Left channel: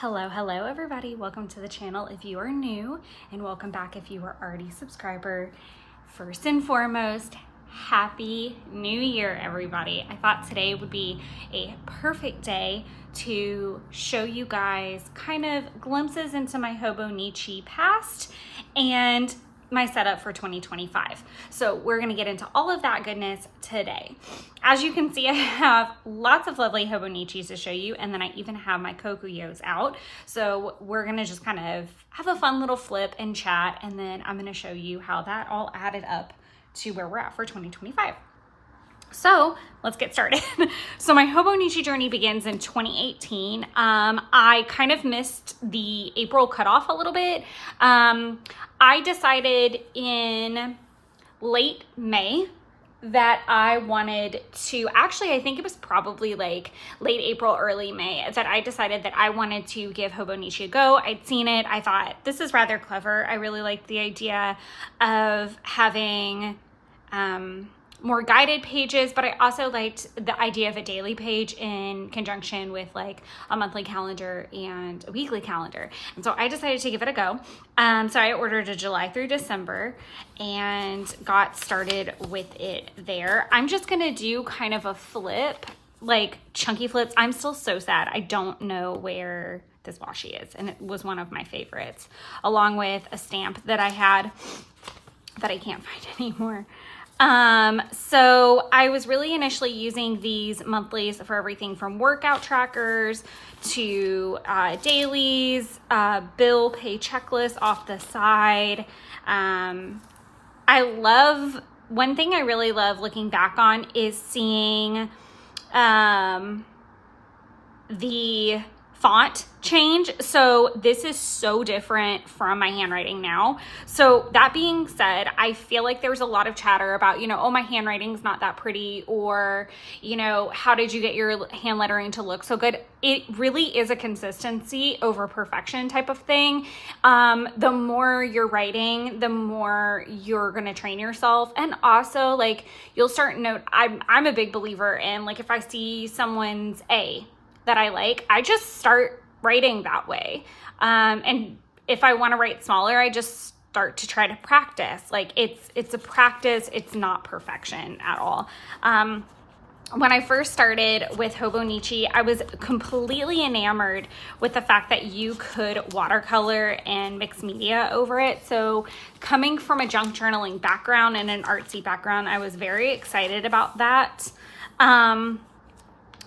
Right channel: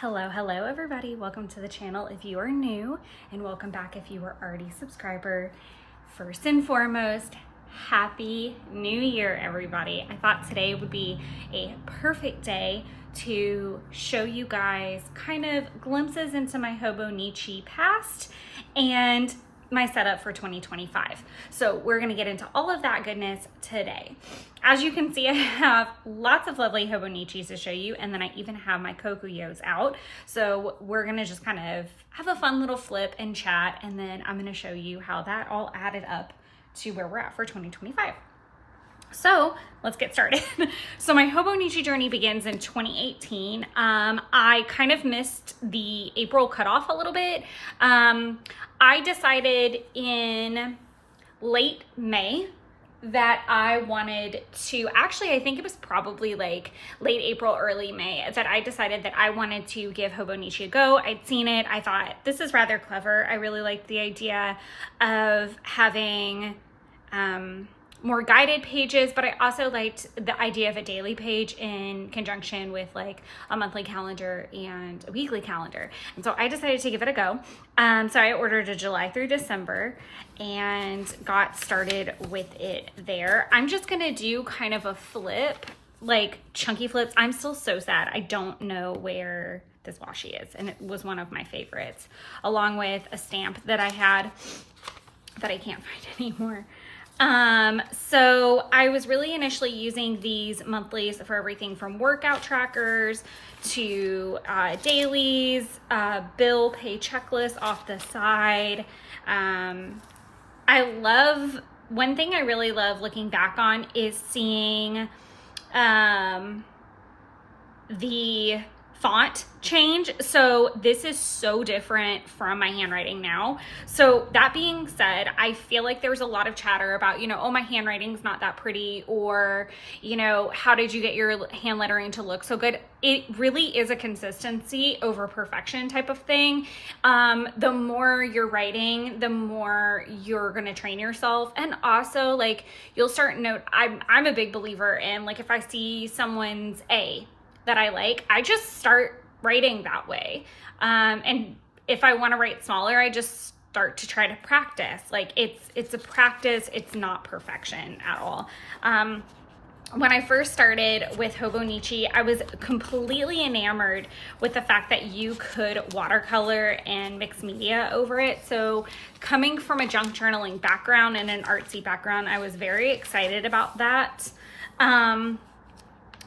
Hello everybody. Welcome to the channel if you are new, and welcome back if you are already a subscriber. First and foremost, Happy New Year, everybody. I thought today would be a perfect day to show you guys kind of glimpses into my Hobonichi past and my setup for 2025. So we're gonna get into all of that goodness today. As you can see, I have lots of lovely Hobonichis to show you, and then I even have my Kokuyos out. So we're gonna just kind of have a fun little flip and chat, and then I'm gonna show you how that all added up to where we're at for 2025. So let's get started. So my Hobonichi journey begins in 2018. I kind of missed the April cutoff a little bit. I decided in late May that I wanted to, actually, I think it was probably like late April, early May, that I decided that I wanted to give Hobonichi a go. I'd seen it. I thought this is rather clever. I really liked the idea of having more guided pages, but I also liked the idea of a daily page in conjunction with like a monthly calendar and a weekly calendar. And so I decided to give it a go. So I ordered a July through December and got started with it there. I'm just gonna do kind of a flip, like chunky flips. I'm still so sad. I don't know where this washi is, and it was one of my favorites, along with a stamp that I had that I can't find anymore. So I was really initially using these monthlies for everything from workout trackers to dailies, bill pay checklists off the side. One thing I really love looking back on is seeing the font change. So this is so different from my handwriting now. So that being said, I feel like there's a lot of chatter about, oh, my handwriting's not that pretty, or, how did you get your hand lettering to look so good? It really is a consistency over perfection type of thing. The more you're writing, the more you're going to train yourself. And also, like, you'll start I'm a big believer in, like, if I see someone's A that I like, I just start writing that way. And if I want to write smaller, I just start to try to practice. Like it's a practice. It's not perfection at all. When I first started with Hobonichi, I was completely enamored with the fact that you could watercolor and mix media over it. So coming from a junk journaling background and an artsy background, I was very excited about that.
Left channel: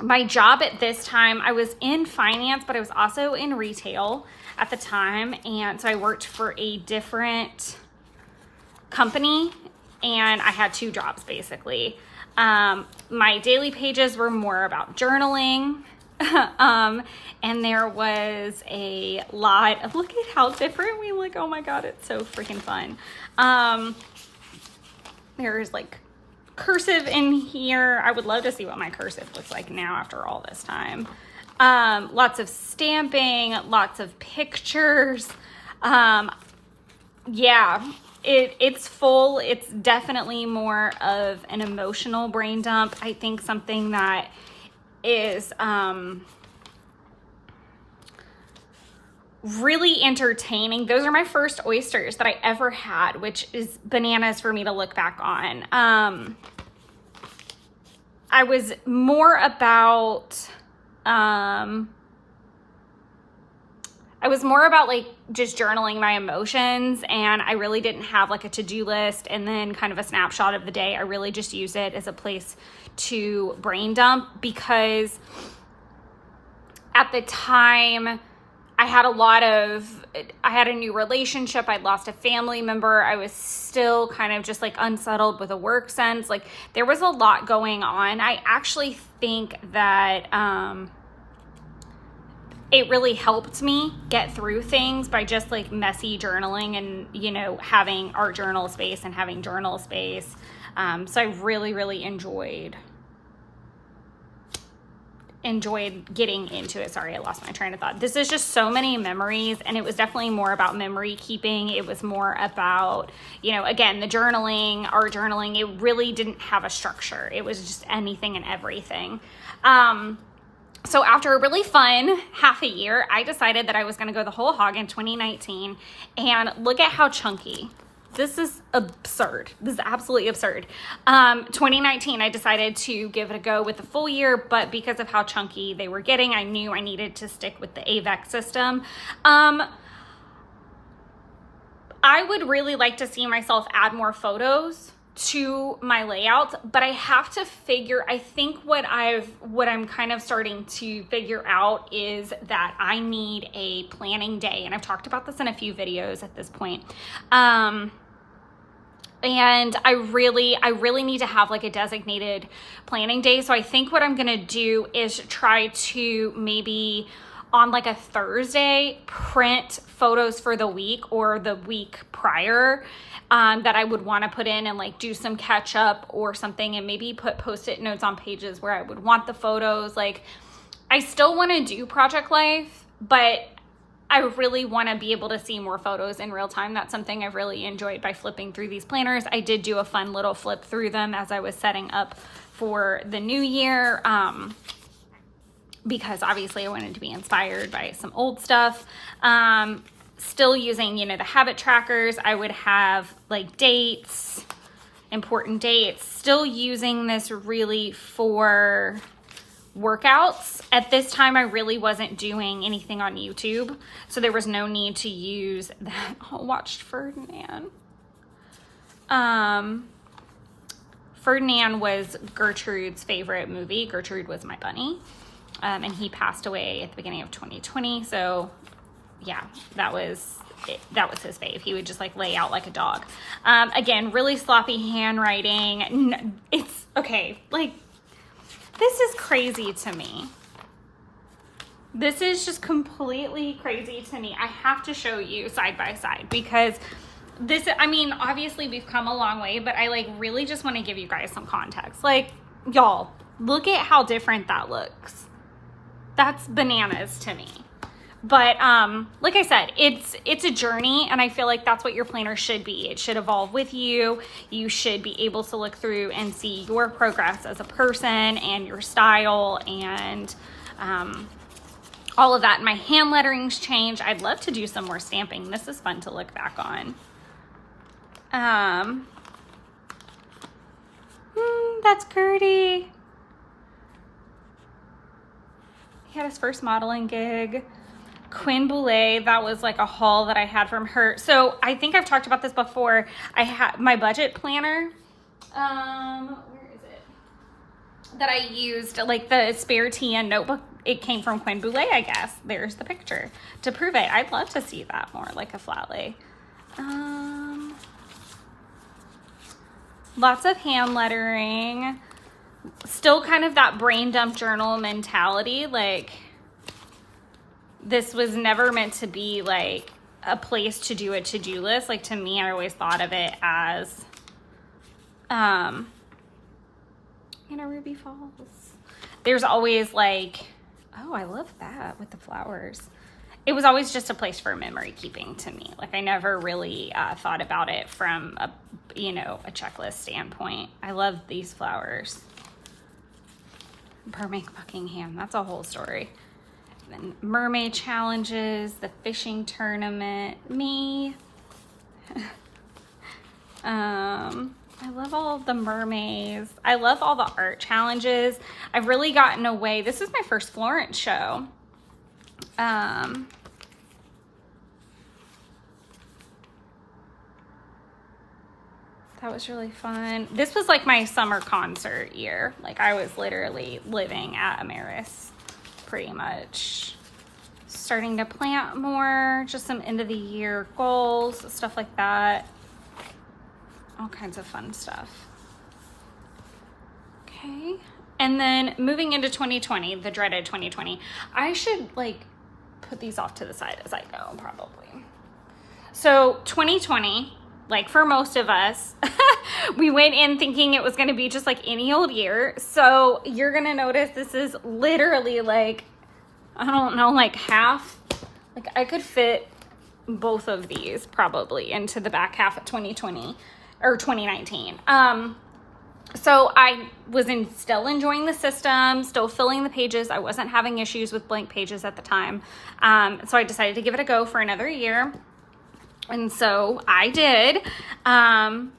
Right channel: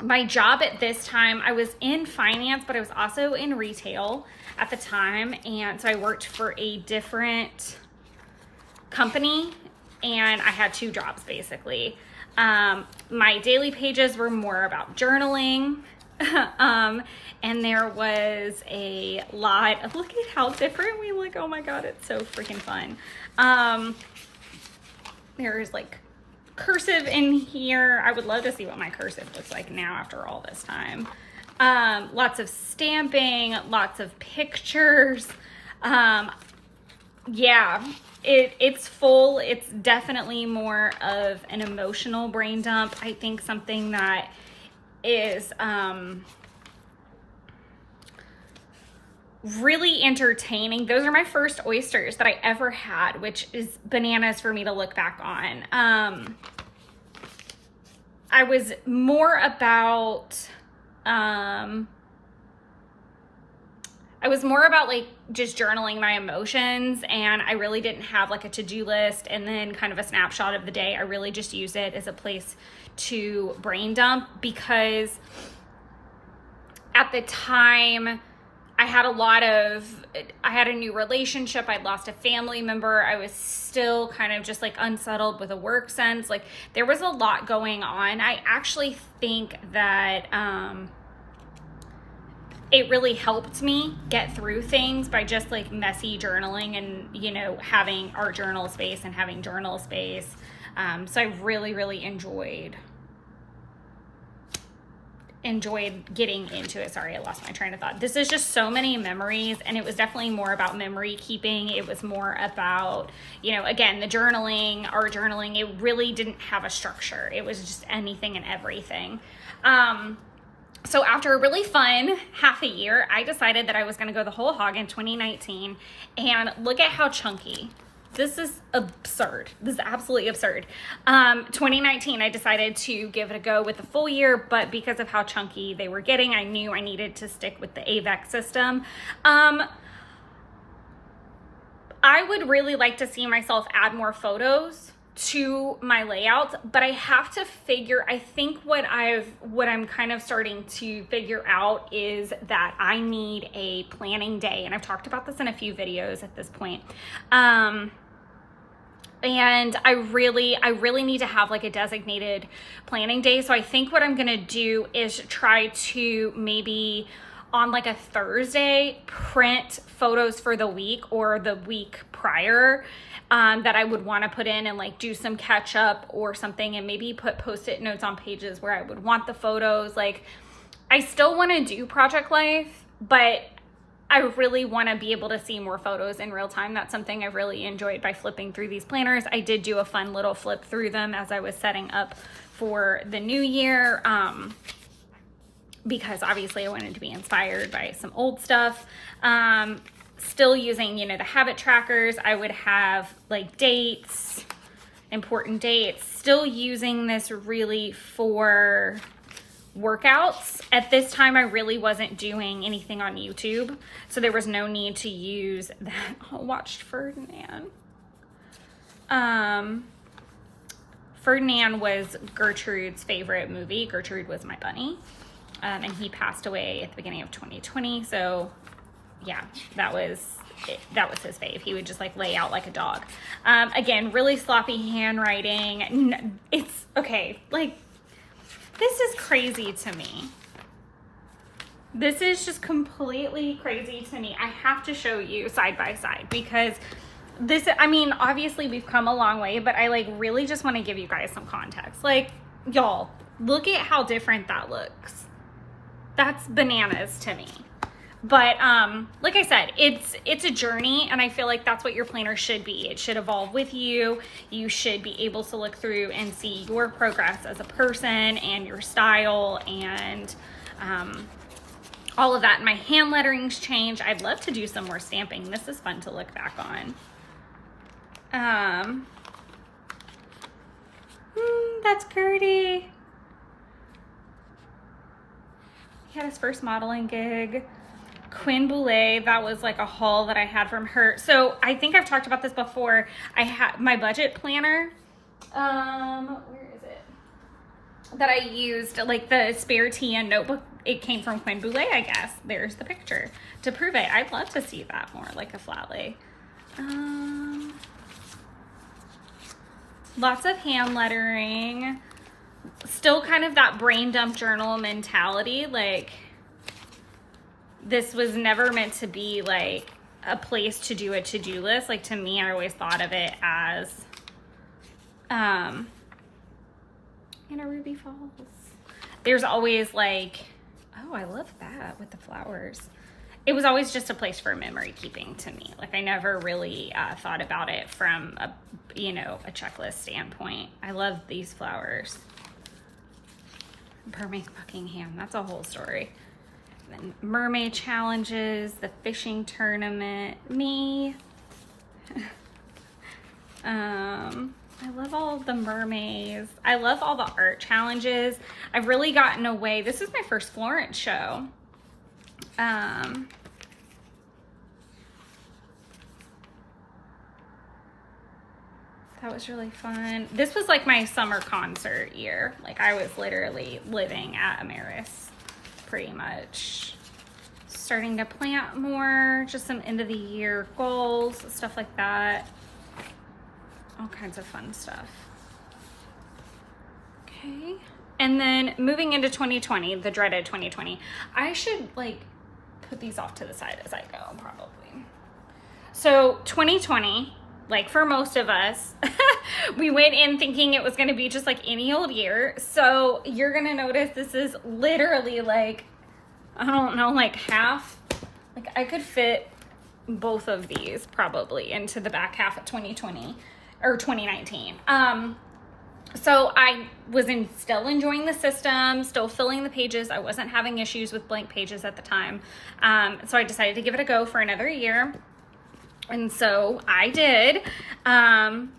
My job at this time, I was in finance, but I was also in retail at the time. And so I worked for a different company, and I had two jobs basically. My daily pages were more about journaling. And there was a lot of, look at how different we look. Oh my God, it's so freaking fun. There's like cursive in here. I would love to see what my cursive looks like now after all this time. Lots of stamping, lots of pictures. Yeah, it's full. It's definitely more of an emotional brain dump. I think something that is really entertaining. Those are my first oysters that I ever had, which is bananas for me to look back on. I was more about like just journaling my emotions, and I really didn't have like a to-do list and then kind of a snapshot of the day. I really just used it as a place to brain dump, because at the time I had a new relationship. I'd lost a family member. I was still kind of just like unsettled with a work sense. Like there was a lot going on. I actually think that it really helped me get through things by just like messy journaling and, having art journal space and having journal space. So I really, really enjoyed getting into it. Sorry, I lost my train of thought. This is just so many memories, and it was definitely more about memory keeping. It was more about, again, the journaling, art journaling. It really didn't have a structure. It was just anything and everything. So after a really fun half a year, I decided that I was going to go the whole hog in 2019, and look at how chunky. This is absurd. This is absolutely absurd. 2019, I decided to give it a go with the full year, but because of how chunky they were getting, I knew I needed to stick with the AVEC system. I would really like to see myself add more photos to my layouts, but I have to figure, I think what I'm kind of starting to figure out is that I need a planning day. And I've talked about this in a few videos at this point. And I really need to have like a designated planning day. So I think what I'm gonna do is try to maybe on like a Thursday print photos for the week or the week prior that I would want to put in and like do some catch up or something, and maybe put post-it notes on pages where I would want the photos. Like, I still want to do Project Life, but I really want to be able to see more photos in real time. That's something I've really enjoyed by flipping through these planners. I did do a fun little flip through them as I was setting up for the new year, because obviously I wanted to be inspired by some old stuff. Still using, you know, the habit trackers. I would have like dates, important dates, still using this really for workouts. At this time, I really wasn't doing anything on YouTube, so there was no need to use that. I watched Ferdinand. Ferdinand was Gertrude's favorite movie. Gertrude was my bunny, and he passed away at the beginning of 2020. So yeah, that was his fave. He would just like lay out like a dog. Again, really sloppy handwriting. It's okay. Like, this is crazy to me. This is just completely crazy to me. I have to show you side by side because this, I mean, obviously we've come a long way, but I like really just want to give you guys some context. Like, y'all, look at how different that looks. That's bananas to me. But like I said, it's a journey, and I feel like that's what your planner should be. It should evolve with you. You should be able to look through and see your progress as a person and your style and all of that. My hand lettering's changed. I'd love to do some more stamping. This is fun to look back on. That's Gertie. He had his first modeling gig. Quinn Boulay, that was like a haul that I had from her. So I think I've talked about this before. I had my budget planner. Where is it? That I used, like the spare TN notebook. It came from Quinn Boulay, I guess. There's the picture to prove it. I'd love to see that more, like a flat lay. Lots of hand lettering. Still kind of that brain dump journal mentality. Like, this was never meant to be like a place to do a to-do list. Like, to me, I always thought of it as, Ruby Falls. There's always like, oh, I love that with the flowers. It was always just a place for memory keeping to me. Like, I never really thought about it from a checklist standpoint. I love these flowers. Mermaid Buckingham, that's a whole story. Then mermaid challenges, the fishing tournament, me. I love all of the mermaids. I love all the art challenges. I've really gotten away. This is my first Florence show. That was really fun. This was like my summer concert year. Like, I was literally living at Amaris pretty much. Starting to plant more, just some end of the year goals, stuff like that. All kinds of fun stuff. Okay. And then moving into 2020, the dreaded 2020. I should like put these off to the side as I go, probably. So 2020, like for most of us, we went in thinking it was going to be just like any old year. So you're going to notice this is literally like, I don't know, like half. Like, I could fit both of these probably into the back half of 2020 or 2019. So I was still enjoying the system, still filling the pages. I wasn't having issues with blank pages at the time. So I decided to give it a go for another year. And so I did. And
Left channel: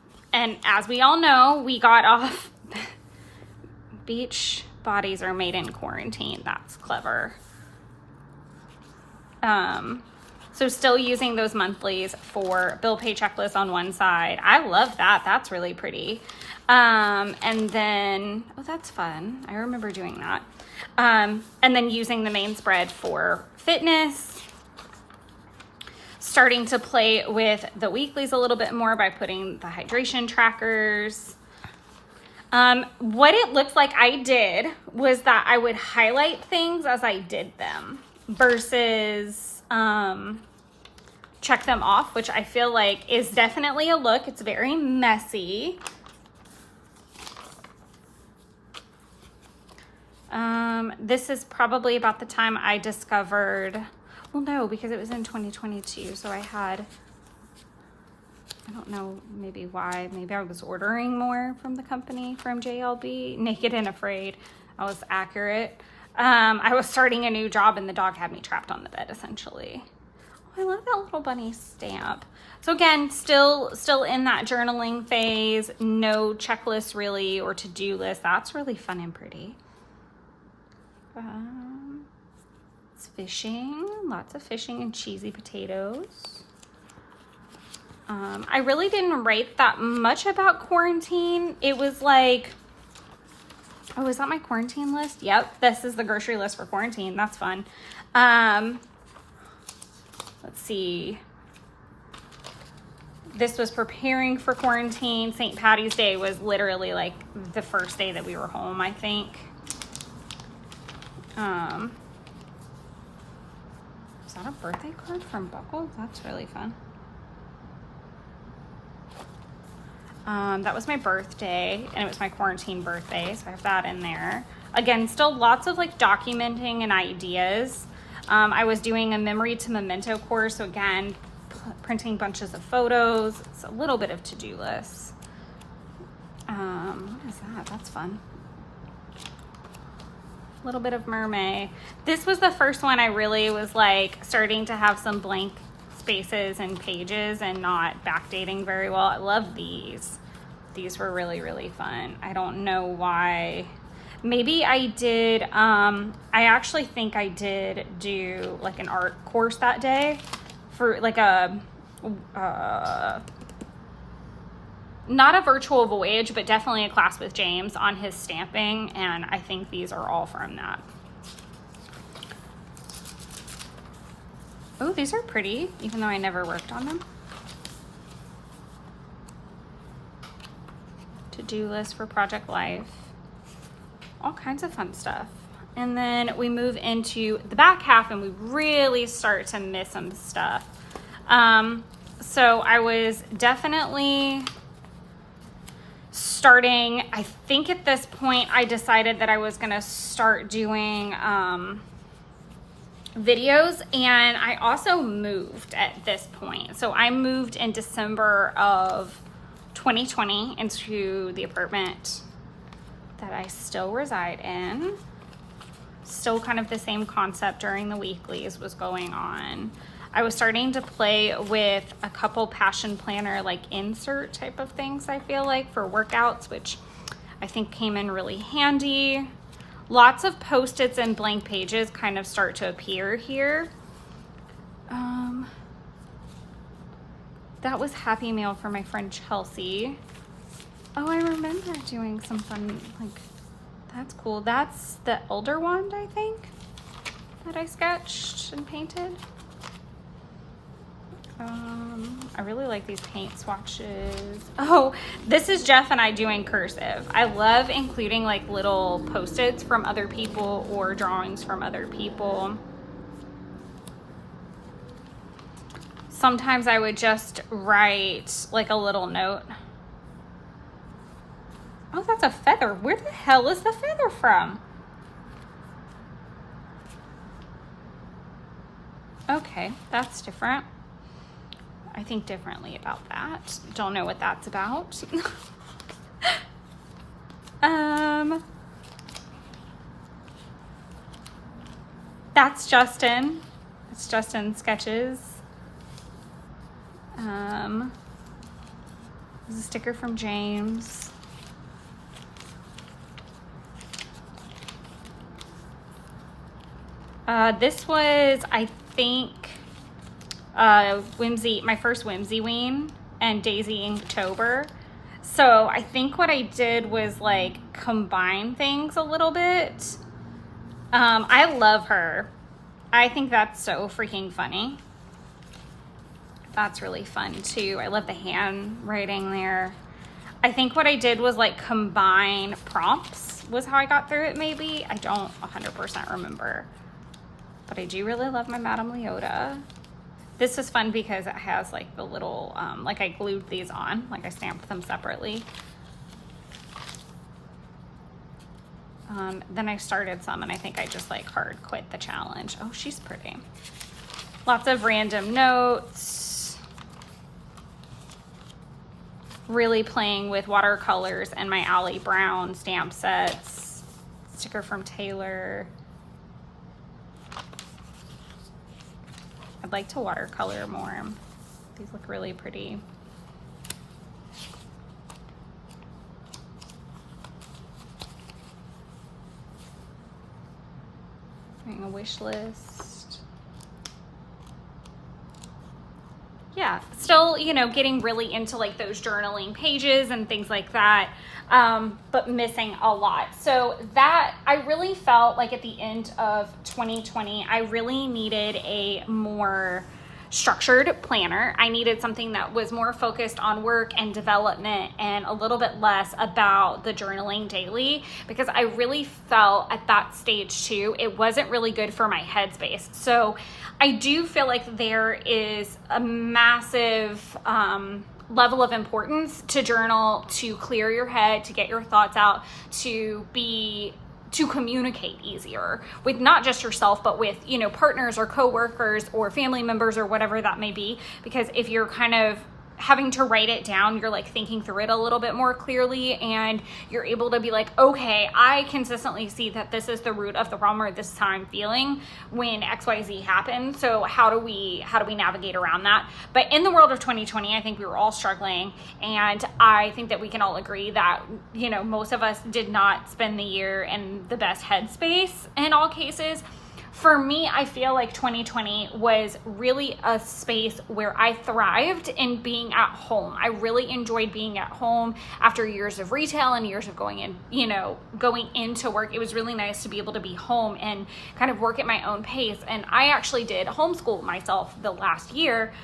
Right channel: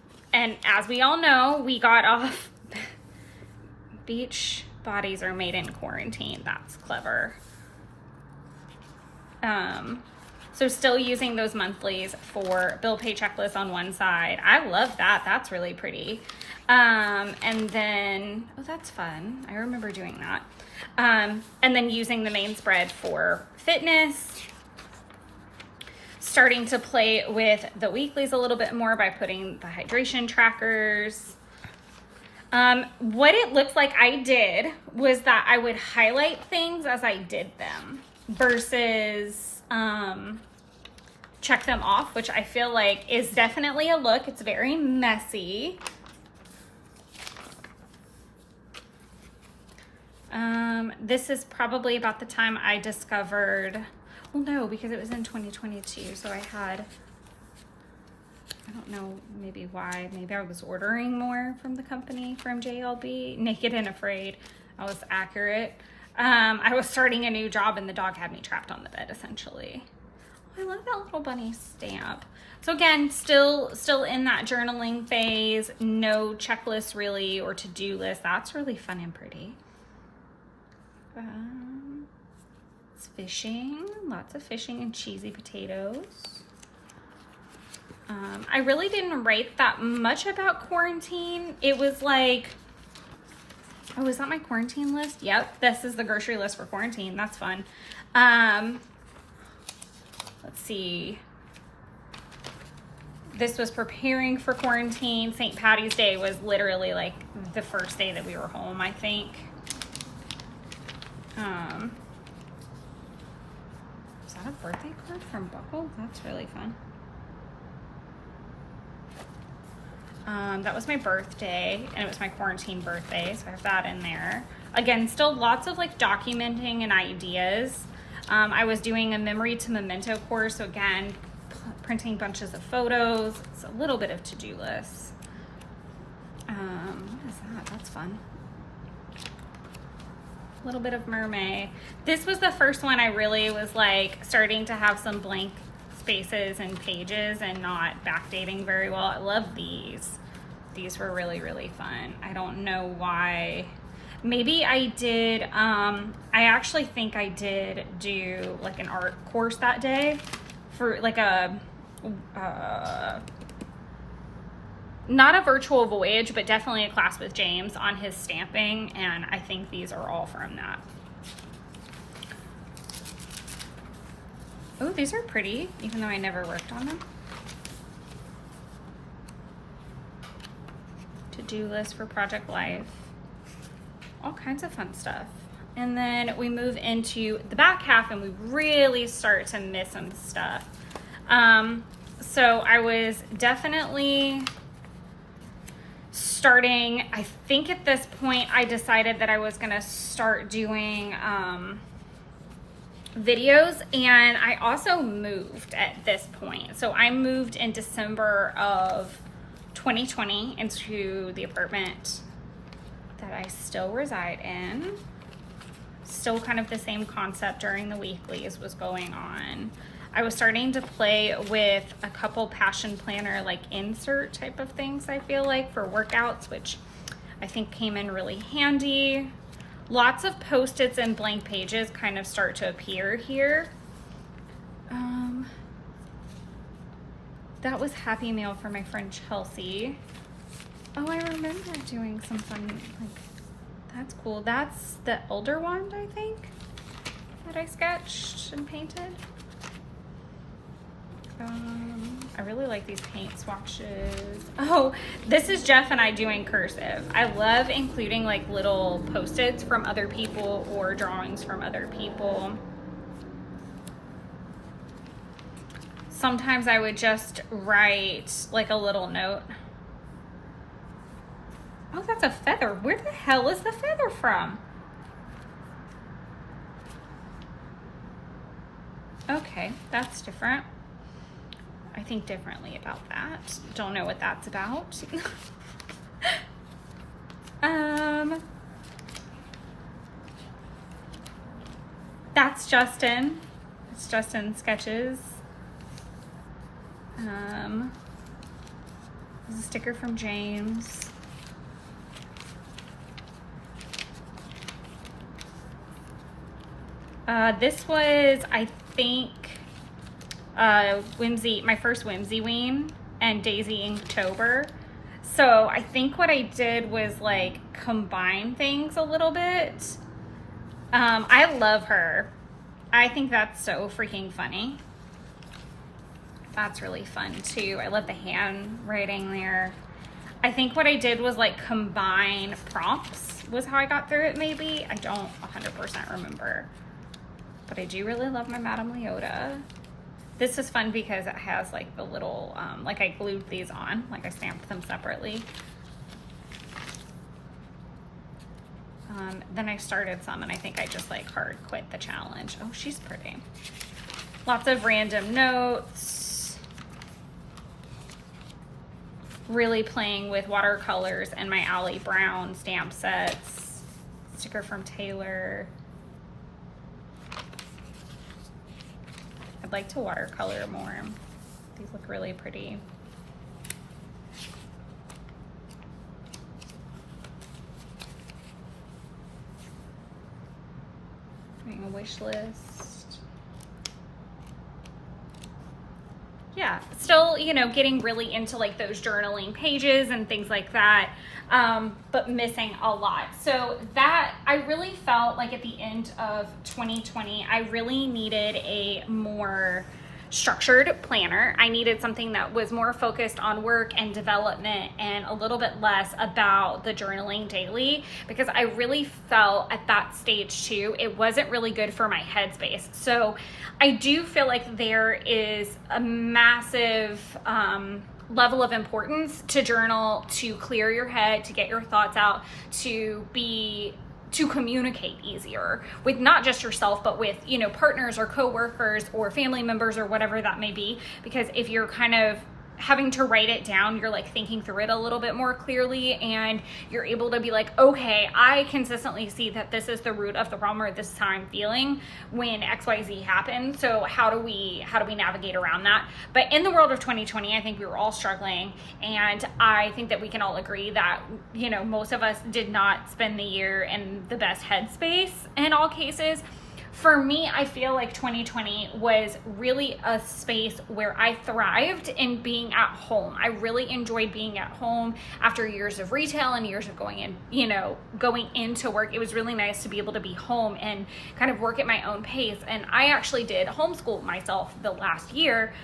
as we all know, we got off. Beach bodies are made in quarantine. That's clever. So still using those monthlies for bill pay checklist on one side. I love that. That's really pretty. And then, oh, that's fun. I remember doing that. And then using the main spread for fitness. Starting to play with the weeklies a little bit more by putting the hydration trackers. What it looks like I did was that I would highlight things as I did them versus check them off, which I feel like is definitely a look. It's very messy. This is probably about the time I discovered, well, no, because it was in 2022. So I don't know, maybe why. Maybe I was ordering more from the company, from JLB. Naked and Afraid. I was accurate. I was starting a new job and the dog had me trapped on the bed, essentially. I love that little bunny stamp. So again, still in that journaling phase. No checklist really or to-do list. That's really fun and pretty. It's fishing. Lots of fishing and cheesy potatoes. I really didn't write that much about quarantine. It was like, oh, is that my quarantine list? Yep, this is the grocery list for quarantine. That's fun. Let's see. This was preparing for quarantine. St. Patty's Day was literally like the first day that we were home, I think. Is that a birthday card from Buckle? That's really fun. That was my birthday, and it was my quarantine birthday, so I have that in there. Again, still lots of like documenting and ideas. I was doing a memory to memento course, so again, printing bunches of photos. It's a little bit of to-do lists. What is that? That's fun. A little bit of mermaid. This was the first one I really was like starting to have some blank spaces and pages and not backdating very well. I love these. These were really, really fun. I don't know why. Maybe I did, I actually think I did do like an art course that day for like a, not a virtual voyage, but definitely a class with James on his stamping. And I think these are all from that. Oh, these are pretty, even though I never worked on them. To-do list for Project Life. All kinds of fun stuff. And then we move into the back half and we really start to miss some stuff. So I was definitely starting, I think at this point I decided that I was gonna start doing videos, and I also moved at this point. So I moved in December of 2020 into the apartment that I still reside in. Still kind of the same concept during the weeklies was going on. I was starting to play with a couple passion planner like insert type of things, I feel like, for workouts, which I think came in really handy. Lots of post-its and blank pages kind of start to appear here. That was Happy Mail for my friend Chelsea. Oh, I remember doing some fun, like, that's cool. That's the Elder Wand, I think, that I sketched and painted. I really like these paint swatches. Oh, this is Jeff and I doing cursive. I love including like little post-its from other people or drawings from other people. Sometimes I would just write like a little note. Oh, that's a feather. Where the hell is the feather from? Okay, that's different. I think differently about that. Don't know what that's about. that's Justin. It's Justin Sketches. This is a sticker from James. This was, I think, my first Whimsy Ween and Daisy Inktober. So I think what I did was like combine things a little bit. I love her. I think that's so freaking funny. That's really fun too. I love the handwriting there. I think what I did was like combine prompts was how I got through it maybe. I don't 100% remember. But I do really love my Madame Leota. This is fun because it has like the little, like I glued these on, like I stamped them separately. Then I started some and I think I just like hard quit the challenge. Oh, she's pretty. Lots of random notes. Really playing with watercolors and my Allie Brown stamp sets. Sticker from Taylor. I'd like to watercolor more. These look really pretty. A wish list. Yeah, still, you know, getting really into like those journaling pages and things like that, but missing a lot. So that, I really felt like at the end of 2020, I really needed a more structured planner. I needed something that was more focused on work and development and a little bit less about the journaling daily, because I really felt at that stage too, it wasn't really good for my headspace. So I do feel like there is a massive level of importance to journal, to clear your head, to get your thoughts out, to communicate easier with not just yourself, but with, you know, partners or coworkers or family members or whatever that may be. Because if you're kind of having to write it down, you're like thinking through it a little bit more clearly, and you're able to be like, okay, I consistently see that this is the root of the problem, or this is how I'm feeling when XYZ happened. So how do we navigate around that? But in the world of 2020, I think we were all struggling, and I think that we can all agree that, you know, most of us did not spend the year in the best headspace in all cases. For me, I feel like 2020 was really a space where I thrived in being at home. I really enjoyed being at home after years of retail and years of going into work. It was really nice to be able to be home and kind of work at my own pace. And I actually did homeschool myself the last year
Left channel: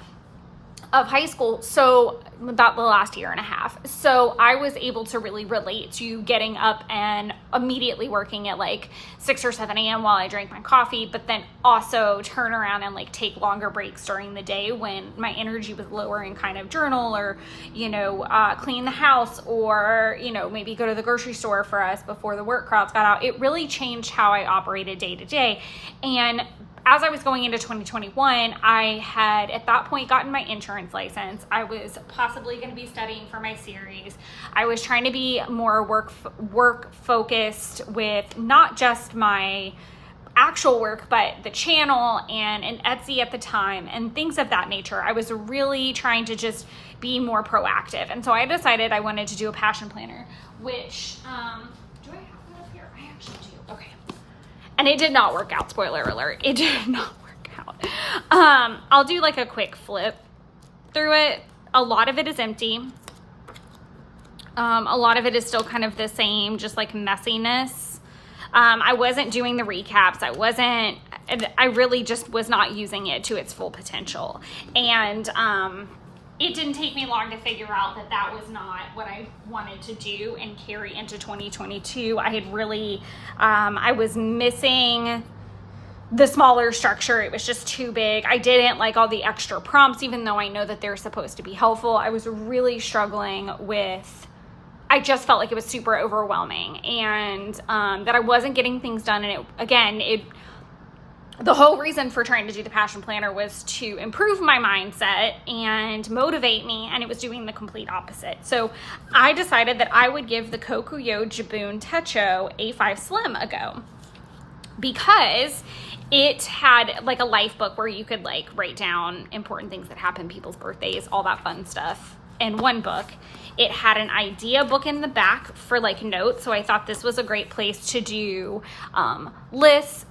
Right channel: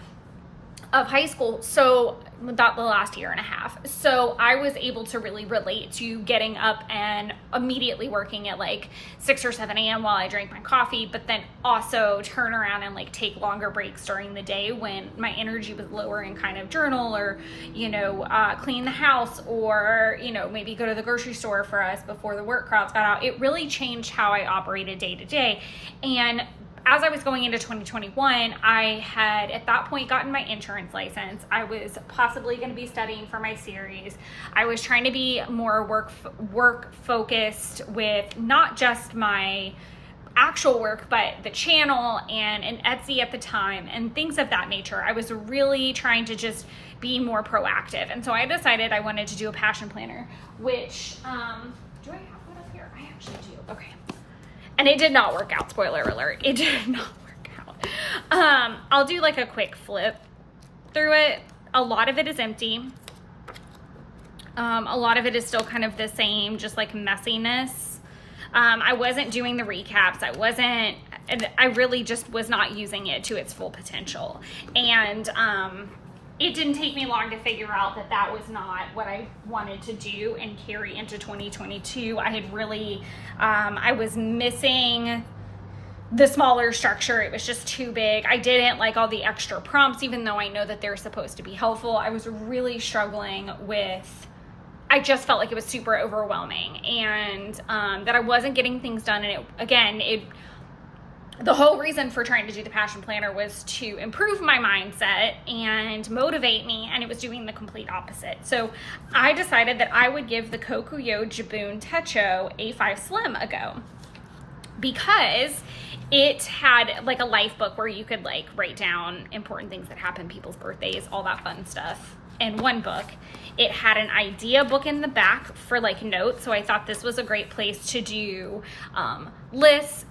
of high school, so about the last year and a half. So I was able to really relate to getting up and immediately working at like 6 or 7 a.m. while I drank my coffee, but then also turn around and like take longer breaks during the day when my energy was lower and kind of journal, or, you know, clean the house, or, you know, maybe go to the grocery store for us before the work crowds got out. It really changed how I operated day to day. And as I was going into 2021, I had at that point gotten my insurance license. I was possibly going to be studying for my series. I was trying to be more work focused with not just my actual work, but the channel and Etsy at the time and things of that nature. I was really trying to just be more proactive. And so I decided I wanted to do a passion planner, which, do I have one up here? I actually do. Okay. And it did not work out, spoiler alert. It did not work out. I'll do like a quick flip through it. A lot of it is empty. A lot of it is still kind of the same, just like messiness. I wasn't doing the recaps. I really just was not using it to its full potential. And it didn't take me long to figure out that that was not what I wanted to do and carry into 2022. I had really, I was missing the smaller structure. It was just too big. I didn't like all the extra prompts, even though I know that they're supposed to be helpful. I was really struggling with, I just felt like it was super overwhelming, and that I wasn't getting things done. And the whole reason for trying to do the passion planner was to improve my mindset and motivate me, and it was doing the complete opposite. So I decided that I would give the Kokuyo Jibun Techo A5 Slim a go, because it had like a life book where you could like write down important things that happen, people's birthdays, all that fun stuff in one book. It had an idea book in the back for like notes. So I thought this was a great place to do lists,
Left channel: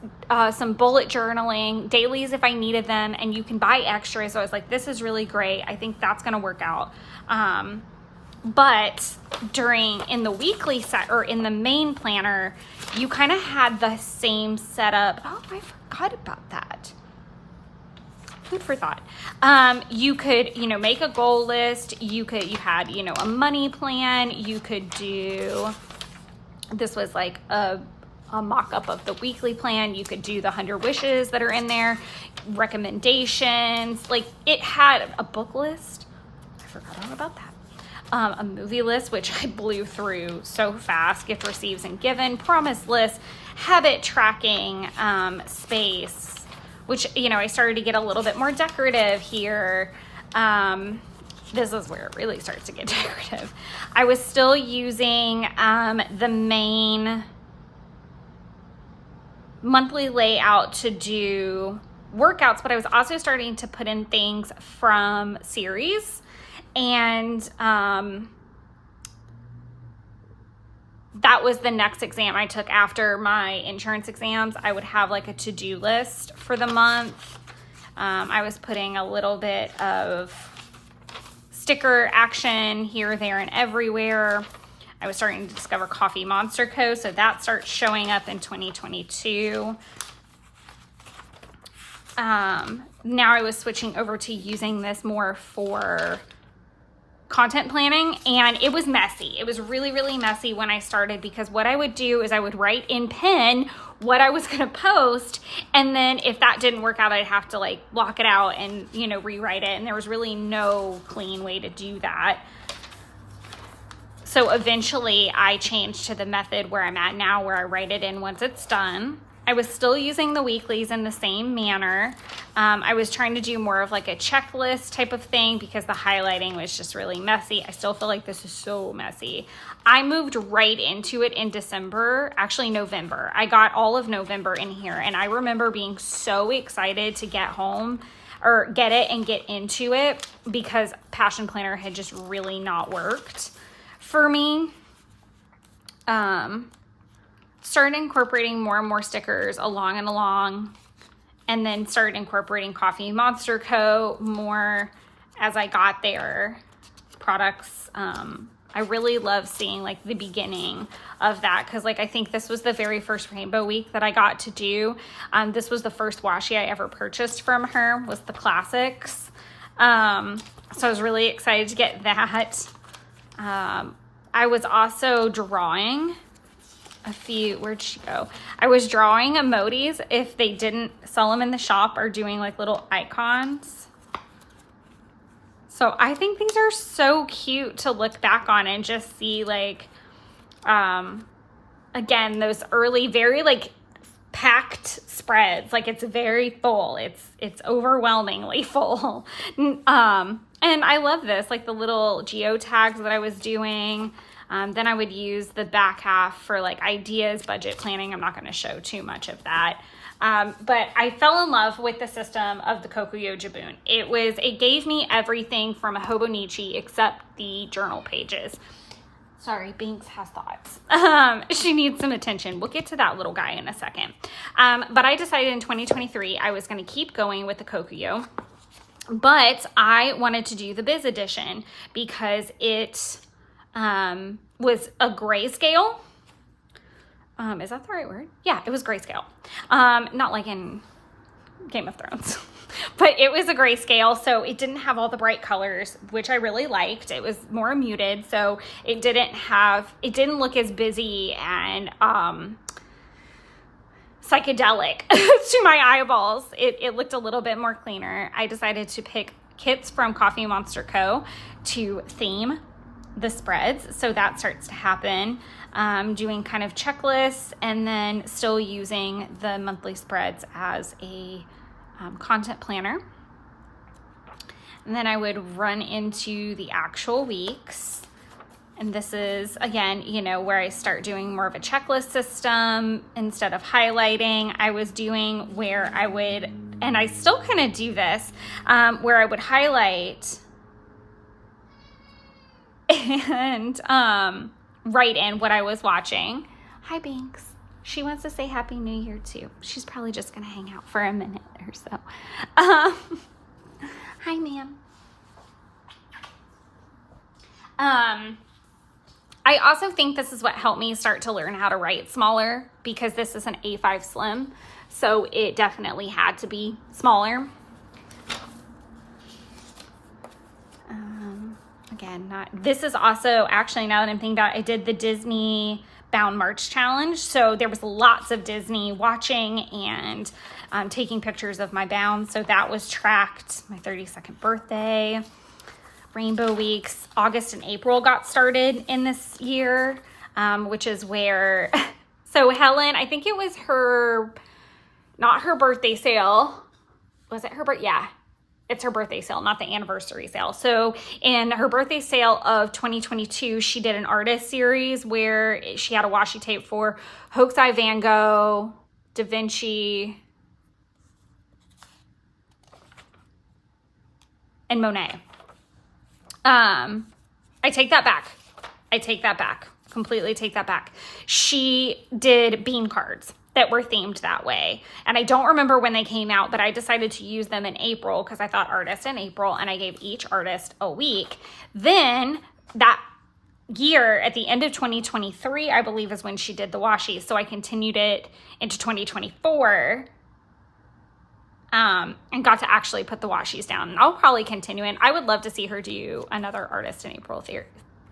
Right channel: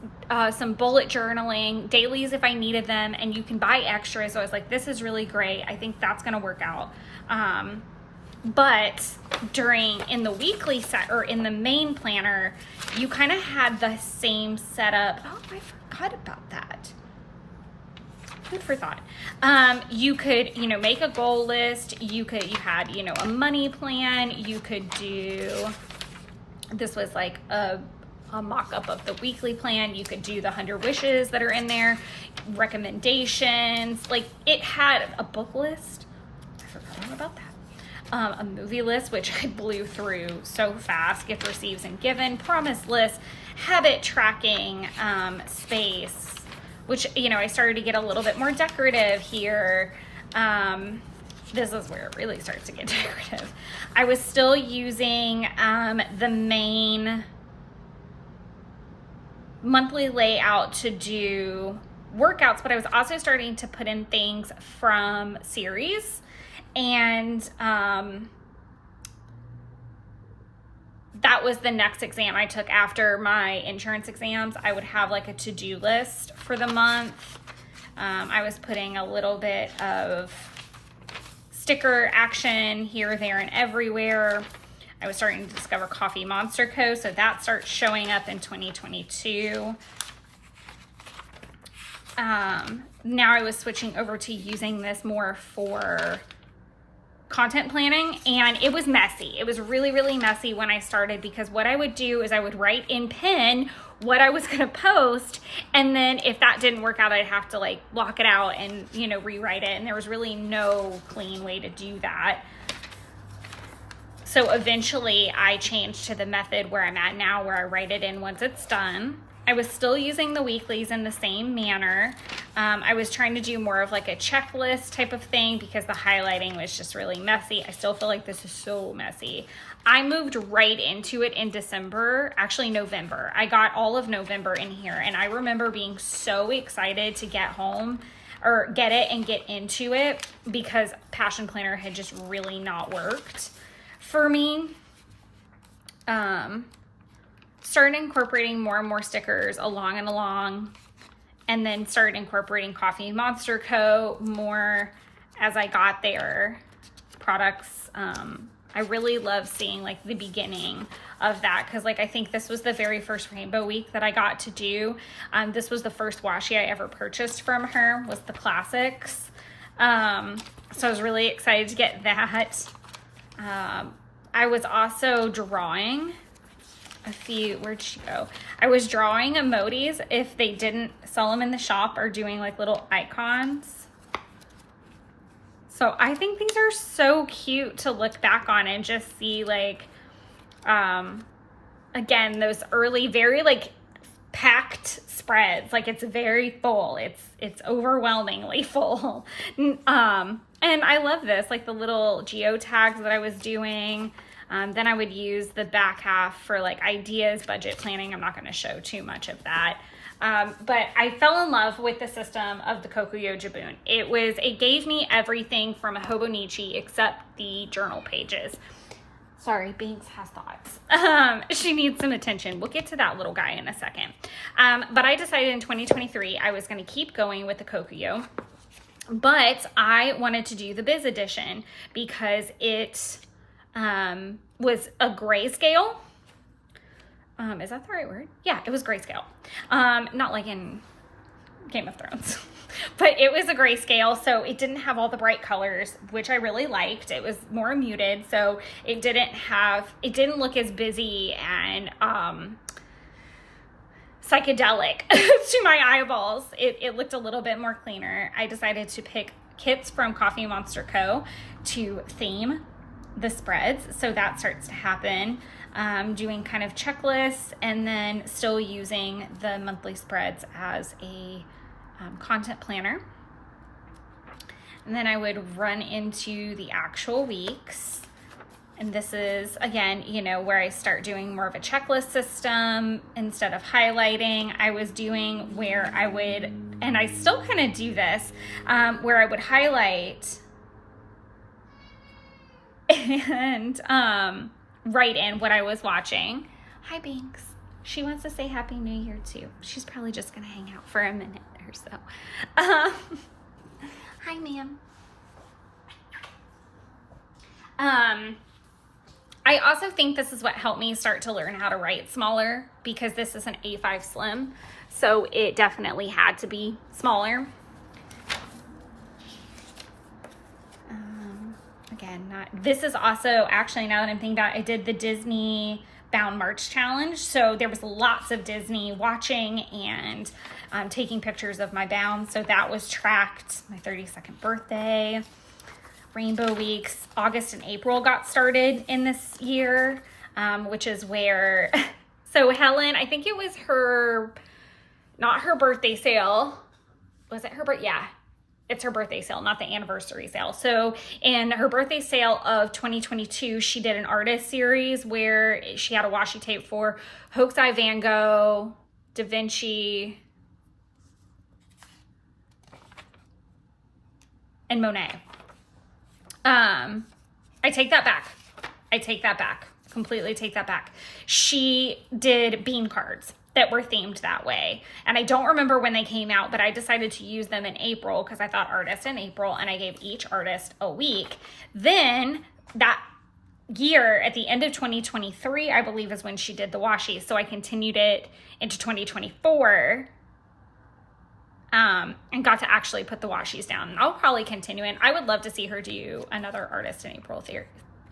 some bullet journaling, dailies if I needed them, and you can buy extras. So I was like, this is really great. I think that's going to work out. But in the weekly set or in the main planner, you kind of had the same setup. Oh, I forgot about that. Food for thought. You could, make a goal list. You had, a money plan. You could do, this was like a mock-up of the weekly plan. You could do the 100 wishes that are in there, recommendations. Like it had a book list. I forgot all about that. A movie list, which I blew through so fast, gift receives and given, promise list, habit tracking space, which, I started to get a little bit more decorative here. This is where it really starts to get decorative. I was still using the main monthly layout to do workouts, but I was also starting to put in things from series. And that was the next exam I took after my insurance exams. I would have like a to-do list for the month. I was putting a little bit of sticker action here, there, and everywhere. I was starting to discover Coffee Monster Co. So that starts showing up in 2022. Now I was switching over to using this more for content planning, and it was messy. It was really, really messy when I started, because what I would do is I would write in pen what I was going to post, and then if that didn't work out, I'd have to like block it out and, rewrite it. And there was really no clean way to do that. So eventually I changed to the method where I'm at now, where I write it in once it's done. I was still using the weeklies in the same manner. I was trying to do more of like a checklist type of thing because the highlighting was just really messy. I still feel like this is so messy. I moved right into it in December, actually November. I got all of November in here, and I remember being so excited to get home or get it and get into it, because Passion Planner had just really not worked for me. Started incorporating more and more stickers along, and then started incorporating Coffee Monster Co. more as I got their products. I really love seeing like the beginning of that, because like I think this was the very first Rainbow Week that I got to do. This was the first washi I ever purchased from her, was the classics. So I was really excited to get that. I was also drawing where'd she go? I was drawing emojis if they didn't sell them in the shop, or doing like little icons. So I think these are so cute to look back on and just see like, again, those early, very like packed spreads. Like it's very full. It's overwhelmingly full. And I love this, like the little geotags that I was doing. Then I would use the back half for like ideas, budget planning. I'm not going to show too much of that. But I fell in love with the system of the Kokuyo Jabun. It gave me everything from a Hobonichi except the journal pages. Sorry, Binks has thoughts. She needs some attention. We'll get to that little guy in a second. But I decided in 2023, I was going to keep going with the Kokuyo. But I wanted to do the Biz edition because it was a grayscale. Is that the right word? Yeah, it was grayscale. Not like in Game of Thrones, but it was a grayscale. So it didn't have all the bright colors, which I really liked. It was more muted. So it didn't look as busy and, psychedelic to my eyeballs. It looked a little bit more cleaner. I decided to pick kits from Coffee Monster Co. to theme the spreads. So that starts to happen. Doing kind of checklists, and then still using the monthly spreads as a content planner. And then I would run into the actual weeks, And this is, again, you know, where I start doing more of a checklist system instead of highlighting. I was doing where I would, and I still kind of do this, where I would highlight and write in what I was watching. Hi, Binks. She wants to say Happy New Year too. She's probably just gonna hang out for a minute or so. Hi, ma'am. I also think this is what helped me start to learn how to write smaller, because this is an A5 Slim, so it definitely had to be smaller. Again, this is also, actually, now that I'm thinking about it, I did the Disney Bound March Challenge, so there was lots of Disney watching and taking pictures of my bounds, so that was tracked. My 32nd birthday, Rainbow Weeks, August and April got started in this year, which is where, so Helen, I think it was her, not her birthday sale. Was it her birthday? Yeah, it's her birthday sale, not the anniversary sale. So in her birthday sale of 2022, she did an artist series where she had a washi tape for Hokusai, Van Gogh, Da Vinci, and Monet. I take that back. Completely take that back. She did bean cards that were themed that way. And I don't remember when they came out, but I decided to use them in April because I thought artist in April, and I gave each artist a week. Then that year, at the end of 2023, I believe, is when she did the washi. So I continued it into 2024. And got to actually put the washis down. And I'll probably continue it. I would love to see her do another Artist in April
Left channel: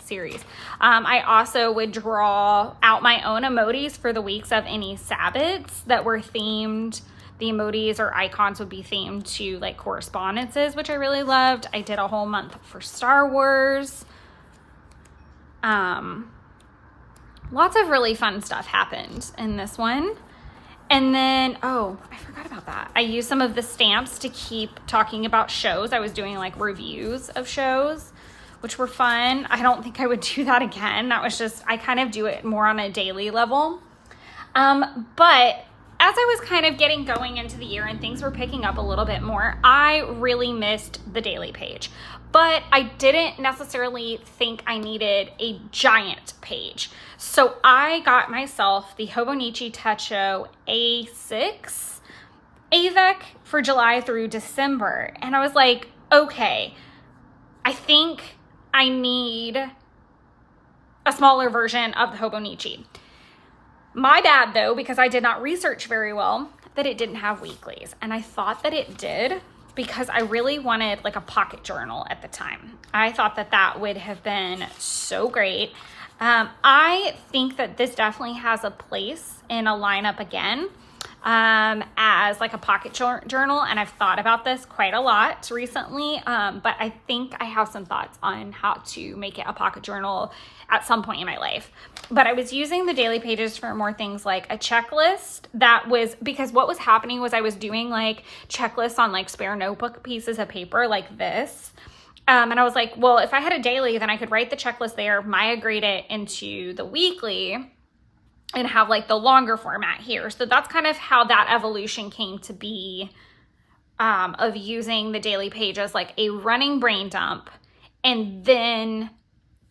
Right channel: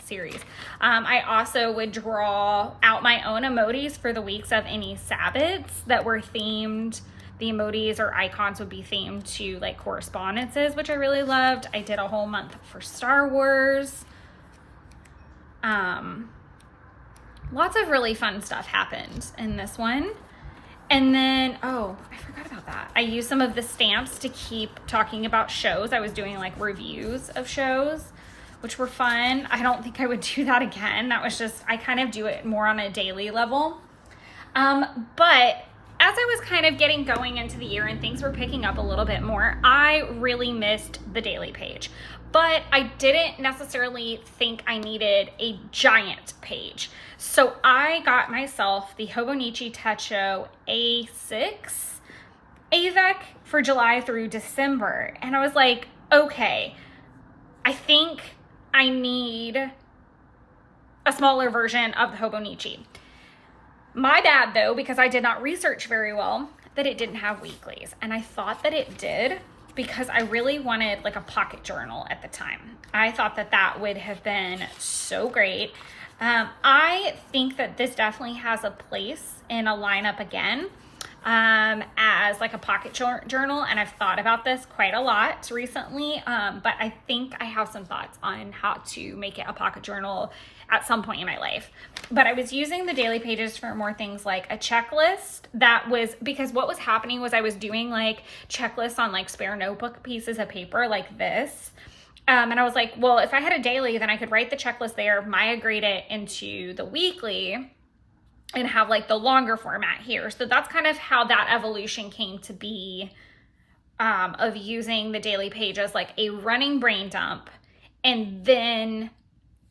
series. I also would draw out my own emojis for the weeks of any Sabbats that were themed. The emojis or icons would be themed to like correspondences, which I really loved. I did a whole month for Star Wars. Lots of really fun stuff happened in this one. And then, oh, I forgot about that. I used some of the stamps to keep talking about shows. I was doing like reviews of shows, which were fun. I don't think I would do that again. That was just, I kind of do it more on a daily level. But as I was kind of getting going into the year and things were picking up a little bit more, I really missed the daily page. But I didn't necessarily think I needed a giant page. So I got myself the Hobonichi Techo A6 AVEC for July through December. And I was like, okay, I think I need a smaller version of the Hobonichi. My bad though, because I did not research very well, that it didn't have weeklies. And I thought that it did, because I really wanted like a pocket journal at the time. I thought that that would have been so great. I think that this definitely has a place in a lineup again as like a pocket journal, and I've thought about this quite a lot recently, but I think I have some thoughts on how to make it a pocket journal at some point in my life. But I was using the daily pages for more things like a checklist that was, because what was happening was I was doing like checklists on like spare notebook pieces of paper like this. And I was like, well, if I had a daily, then I could write the checklist there, migrate it into the weekly, and have like the longer format here. So that's kind of how that evolution came to be, of using the daily page as like a running brain dump, and then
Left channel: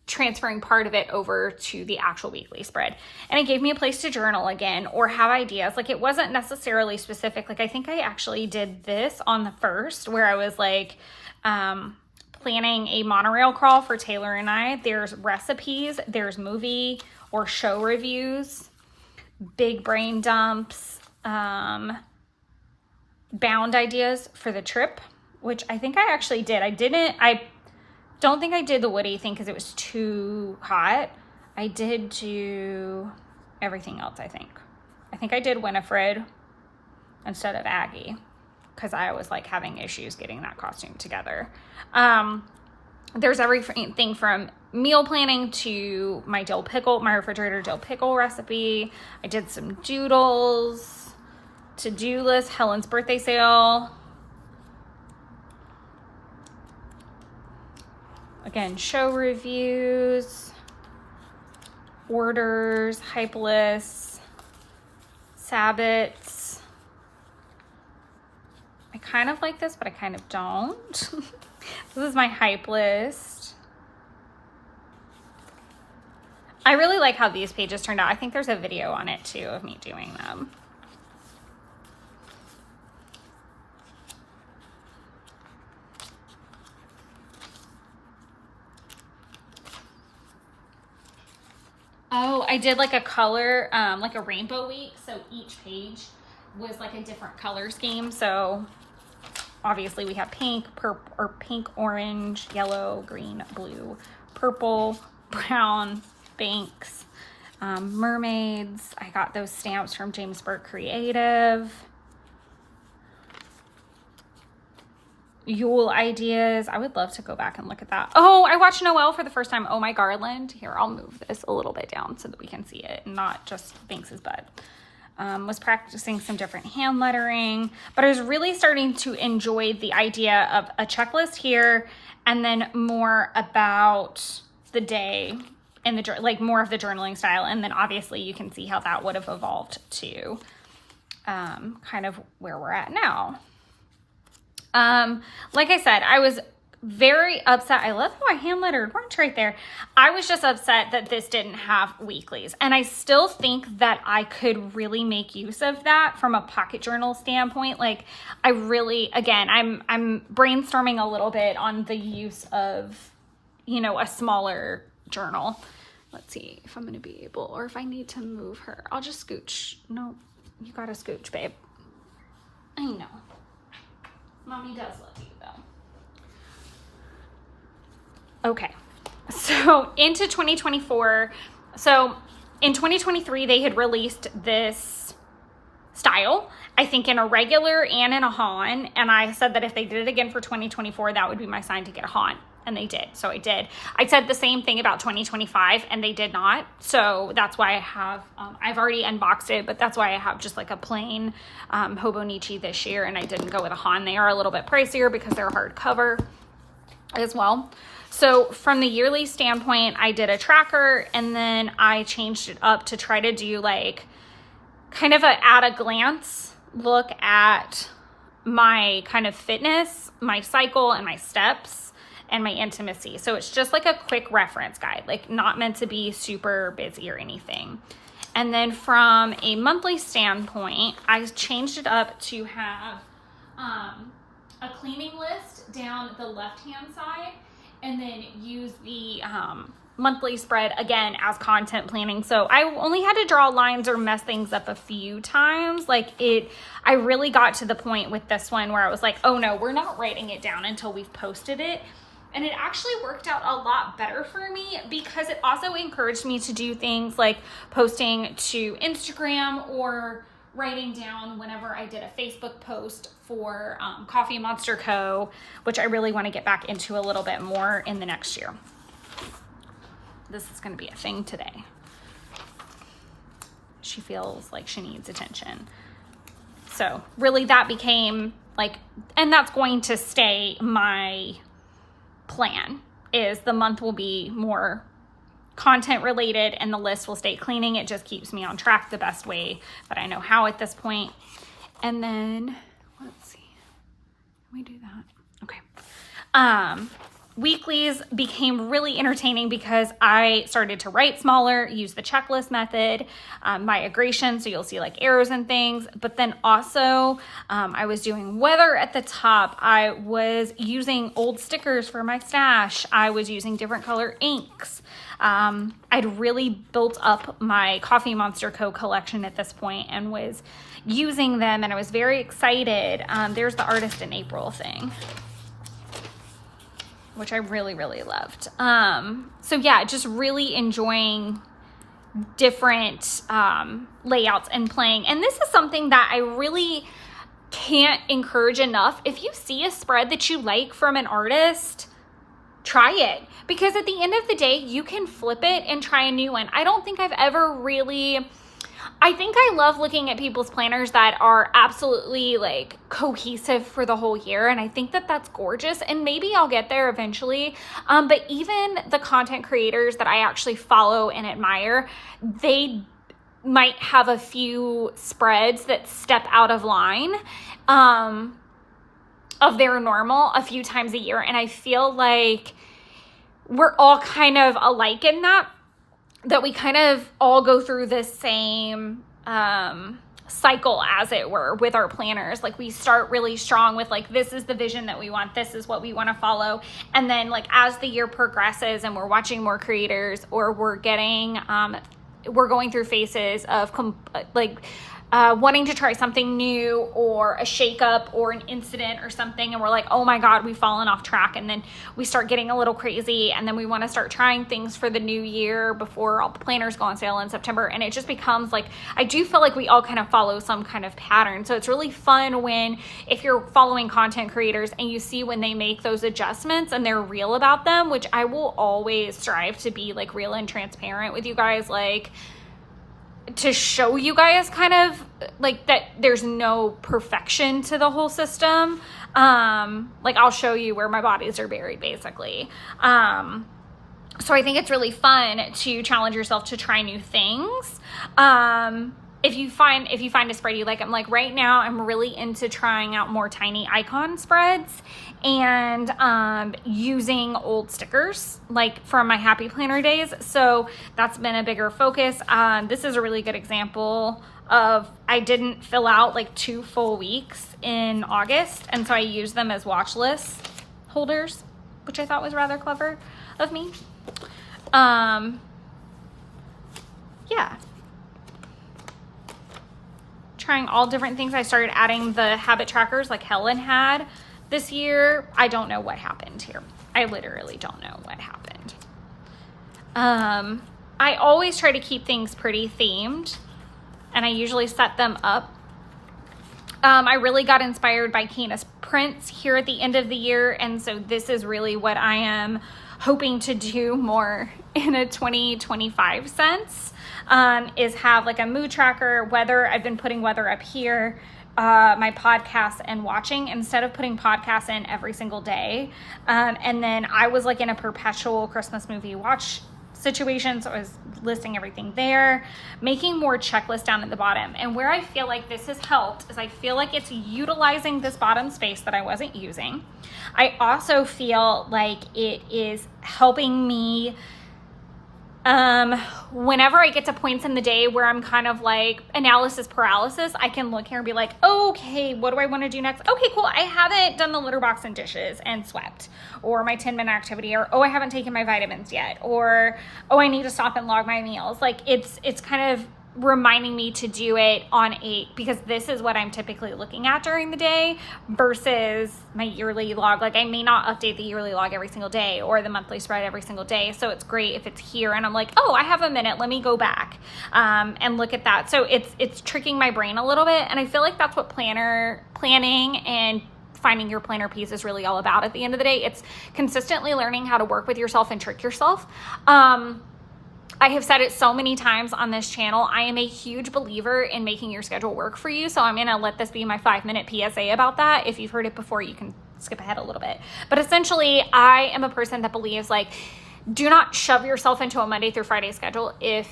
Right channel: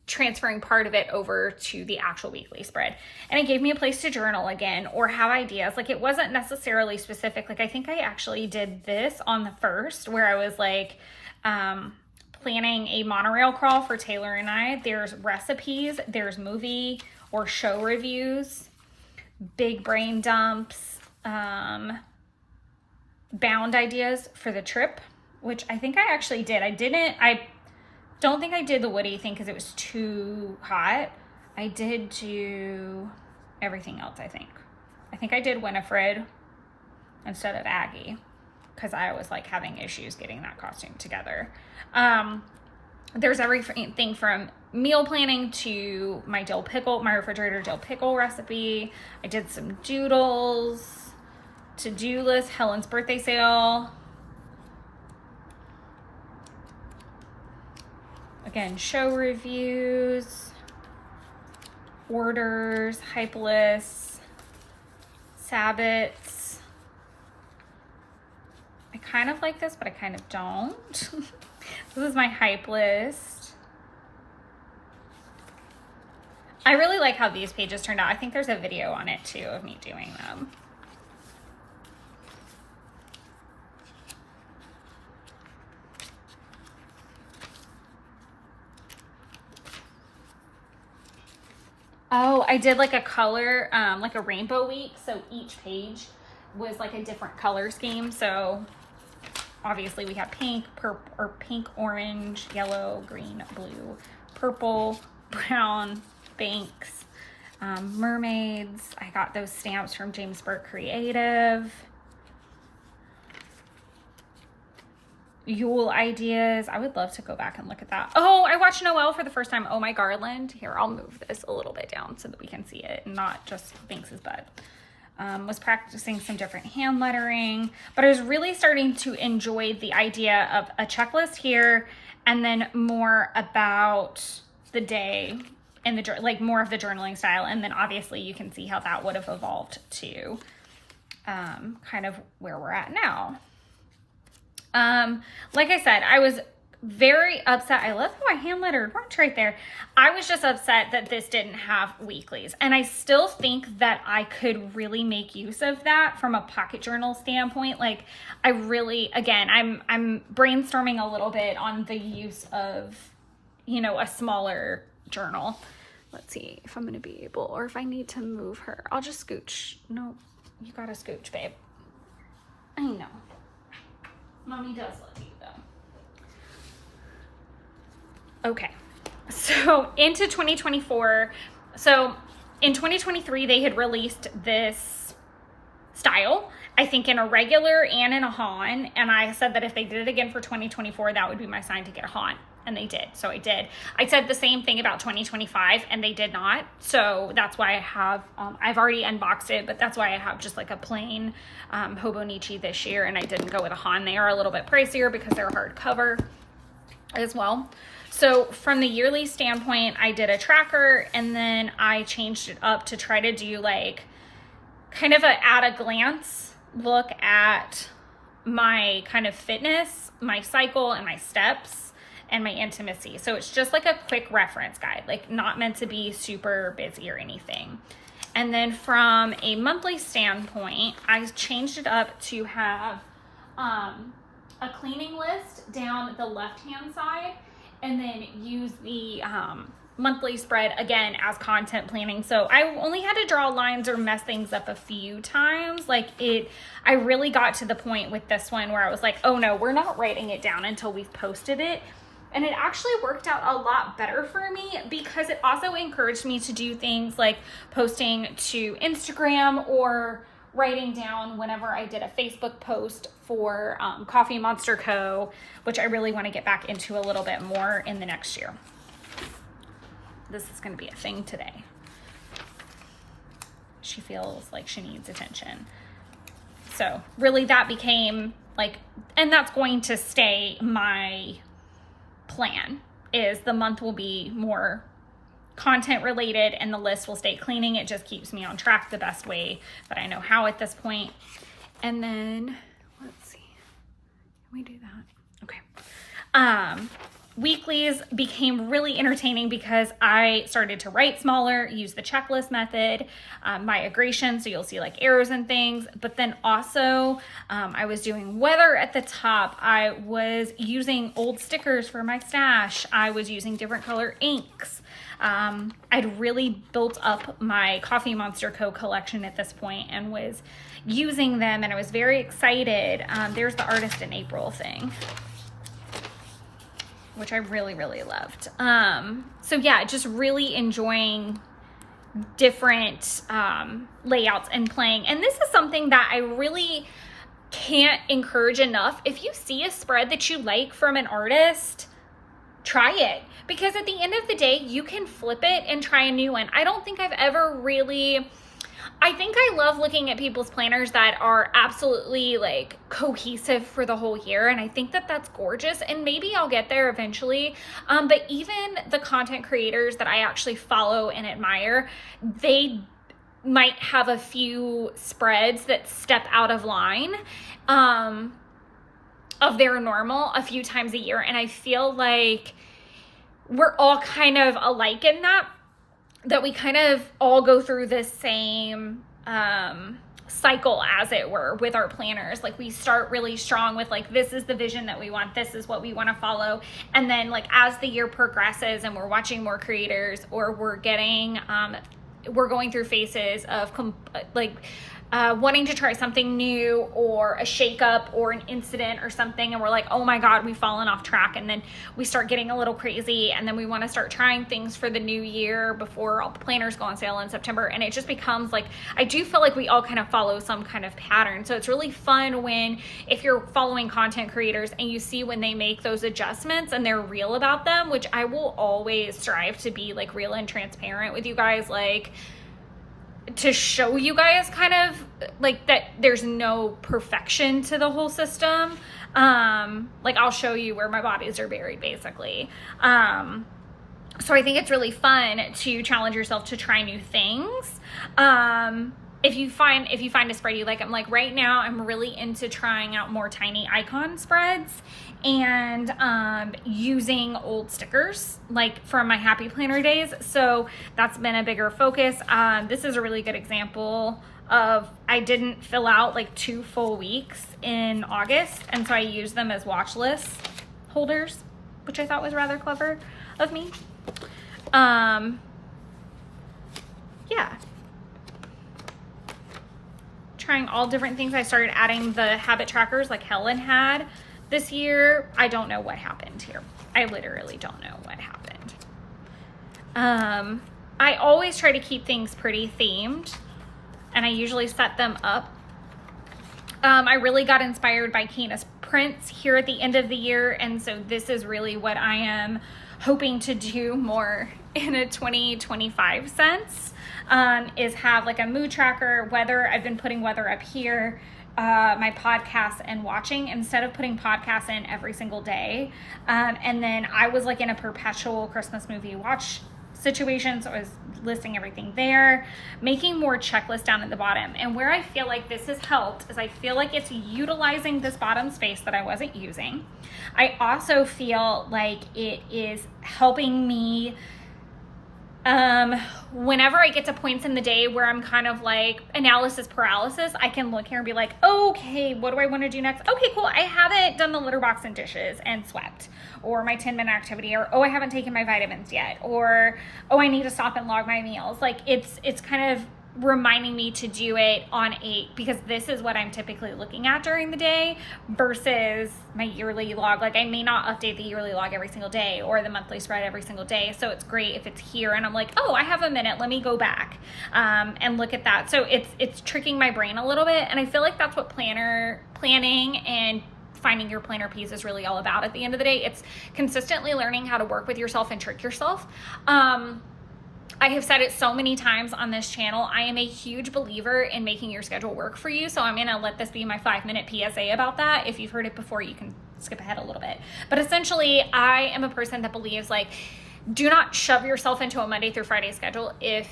transferring part of it over to the actual weekly spread. And it gave me a place to journal again or have ideas. Like it wasn't necessarily specific. Like I think I actually did this on the first, where I was like, planning a monorail crawl for Taylor and I. There's recipes, there's movie or show reviews, big brain dumps, bound ideas for the trip, which I think I actually did. I don't think I did the Woody thing because it was too hot. I did do everything else, I think. I think I did Winifred instead of Aggie, because I was like having issues getting that costume together. There's everything from meal planning to my dill pickle, my refrigerator dill pickle recipe. I did some doodles, to-do list, Helen's birthday sale. Again, show reviews. orders, hype lists, Sabbats. I kind of like this, but I kind of don't. This is my hype list. I really like how these pages turned out. I think there's a video on it too of me doing them. Oh, I did like a color, like a rainbow week. So each page was like a different color scheme. So obviously we have pink, purple, or pink, orange, yellow, green, blue, purple, brown, banks, mermaids. I got those stamps from James Burke Creative. Yule ideas. I would love to go back and look at that. Oh, I watched Noelle for the first time. Oh, my garland. Here, I'll move this a little bit down so that we can see it and not just Banks's bud. Was practicing some different hand lettering, but I was really starting to enjoy the idea of a checklist here and then more about the day and the, like more of the journaling style. And then obviously you can see how that would have evolved to kind of where we're at now. Like I said, I was very upset. I love how I hand lettered right there. I was just upset that this didn't have weeklies. And I still think that I could really make use of that from a pocket journal standpoint. Like I really, again, I'm brainstorming a little bit on the use of, you know, a smaller journal. Let's see if I'm going to be able, or if I need to move her. I'll just scooch. No, you got to scooch, babe. I know. Mommy does love you though. Okay, so into 2024. So in 2023, they had released this style, I think in a regular and in a Han. And I said that if they did it again for 2024, that would be my sign to get a Han. And they did, so I did. I said the same thing about 2025 and they did not. So that's why I have, I've already unboxed it, but that's why I have just like a plain Hobonichi this year, and I didn't go with a Han. They are a little bit pricier because they're hardcover as well. So from the yearly standpoint, I did a tracker and then I changed it up to try to do like kind of a at a glance look at my kind of fitness, my cycle and my steps and my intimacy. So it's just like a quick reference guide, like not meant to be super busy or anything. And then from a monthly standpoint, I changed it up to have a cleaning list down the left-hand side and then use the monthly spread again as content planning. So I only had to draw lines or mess things up a few times. Like I really got to the point with this one where I was like, oh no, we're not writing it down until we've posted it. And it actually worked out a lot better for me because it also encouraged me to do things like posting to Instagram or writing down whenever I did a Facebook post for Coffee Monster Co., which I really want to get back into a little bit more in the next year. This is going to be a thing today. She feels like she needs attention. So really that became like, and that's going to stay my plan, is the month will be more content related and the list will stay cleaning. It just keeps me on track the best way that I know how at this point. And then let's see, can we do that? Okay. Weeklies became really entertaining because I started to write smaller, use the checklist method, migration, so you'll see like arrows and things. But then also I was doing weather at the top. I was using old stickers for my stash. I was using different color inks. I'd really built up my Coffee Monster Co. collection at this point and was using them, and I was very excited. There's the Artist in April thing, which I really, really loved. So yeah, just really enjoying different layouts and playing. And this is something that I really can't encourage enough. If you see a spread that you like from an artist, try it. Because at the end of the day, you can flip it and try a new one. I don't think I've ever really I think I love looking at people's planners that are absolutely like cohesive for the whole year. And I think that that's gorgeous. And maybe I'll get there eventually. But even the content creators that I actually follow and admire, they might have a few spreads that step out of line of their normal a few times a year. And I feel like we're all kind of alike in that we kind of all go through this same cycle, as it were, with our planners. Like we start really strong with like, this is the vision that we want, this is what we want to follow. And then like as the year progresses and we're watching more creators, or we're getting, we're going through phases of wanting to try something new, or a shakeup or an incident or something, and we're like, oh my God, we've fallen off track. And then we start getting a little crazy, and then we want to start trying things for the new year before all the planners go on sale in September. And it just becomes like, I do feel like we all kind of follow some kind of pattern. So it's really fun when, if you're following content creators and you see when they make those adjustments and they're real about them, which I will always strive to be like real and transparent with you guys, like to show you guys kind of like that there's no perfection to the whole system. Like I'll show you where my bodies are buried, basically. So I think it's really fun to challenge yourself to try new things. If you find a spread you like, I'm like right now I'm really into trying out more tiny icon spreads and using old stickers like from my happy planner days. So that's been a bigger focus. This is a really good example of, I didn't fill out like 2 full weeks in August, and so I used them as watch list holders, which I thought was rather clever of me. Yeah, trying all different things. I started adding the habit trackers like Helen had this year. I don't know what happened here. I literally don't know what happened. I always try to keep things pretty themed, and I usually set them up. I really got inspired by Kina's prints here at the end of the year, and so this is really what I am hoping to do more in a 2025 sense, is have like a mood tracker, weather. I've been putting weather up here, my podcast and watching, instead of putting podcasts in every single day. And then I was like in a perpetual Christmas movie watch situation, so I was listing everything there, making more checklists down at the bottom. And where I feel like this has helped is I feel like it's utilizing this bottom space that I wasn't using. I also feel like it is helping me whenever I get to points in the day where I'm kind of like analysis paralysis, I can look here and be like, okay, what do I want to do next? Okay, cool. I haven't done the litter box and dishes and swept, or my 10-minute activity, or, oh, I haven't taken my vitamins yet, or, oh, I need to stop and log my meals. Like it's kind of reminding me to do it on because this is what I'm typically looking at during the day versus my yearly log. Like I may not update the yearly log every single day or the monthly spread every single day. So it's great if it's here and I'm like, oh, I have a minute, let me go back and look at that. So it's tricking my brain a little bit. And I feel like that's what planning and finding your planner piece is really all about at the end of the day. It's consistently learning how to work with yourself and trick yourself. I have said it so many times on this channel. I am a huge believer in making your schedule work for you. So I'm going to let this be my 5-minute PSA about that. If you've heard it before, you can skip ahead a little bit. But essentially, I am a person that believes like, do not shove yourself into a Monday through Friday schedule if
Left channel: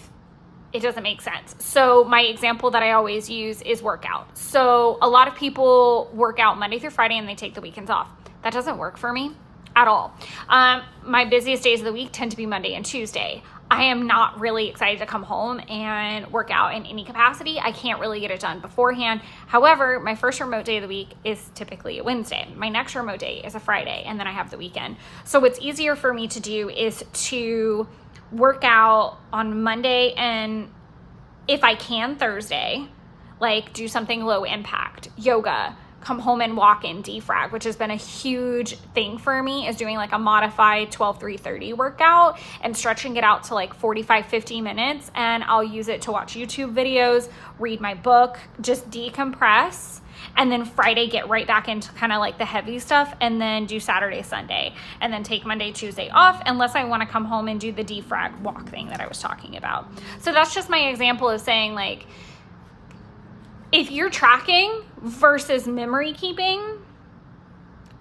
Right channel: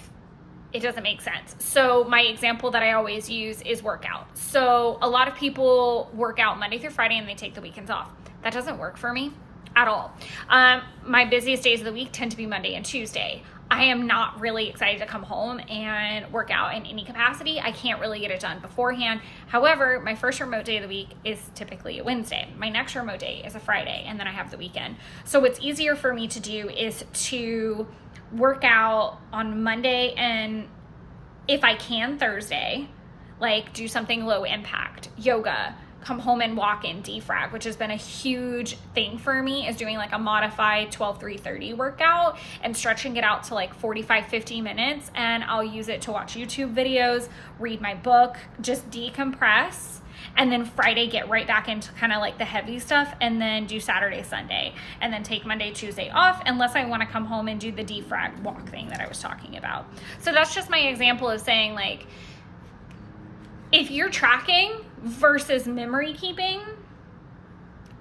it doesn't make sense. So my example that I always use is workout. So a lot of people work out Monday through Friday and they take the weekends off. That doesn't work for me at all. My busiest days of the week tend to be Monday and Tuesday. I am not really excited to come home and work out in any capacity. I can't really get it done beforehand. However, my first remote day of the week is typically a Wednesday. My next remote day is a Friday, and then I have the weekend. So what's easier for me to do is to work out on Monday and, if I can, Thursday, like do something low impact, yoga, come home and walk and defrag, which has been a huge thing for me, is doing like a modified 12-3-30 workout and stretching it out to like 45-50 minutes. And I'll use it to watch YouTube videos, read my book, just decompress. And then Friday, get right back into kind of like the heavy stuff, and then do Saturday, Sunday, and then take Monday, Tuesday off, unless I want to come home and do the defrag walk thing that I was talking about. So that's just my example of saying like, if you're tracking versus memory keeping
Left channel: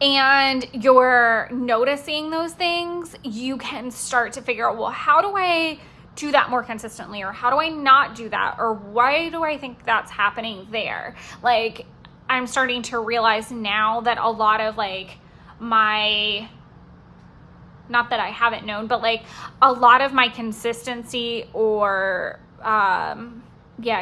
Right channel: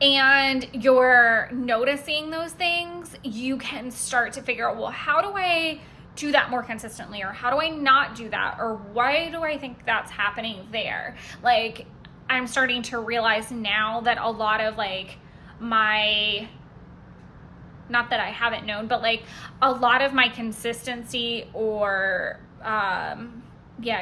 and you're noticing those things, you can start to figure out, well, how do I do that more consistently? Or how do I not do that? Or why do I think that's happening there? Like, I'm starting to realize now that a lot of like my, not that I haven't known, but like a lot of my consistency or,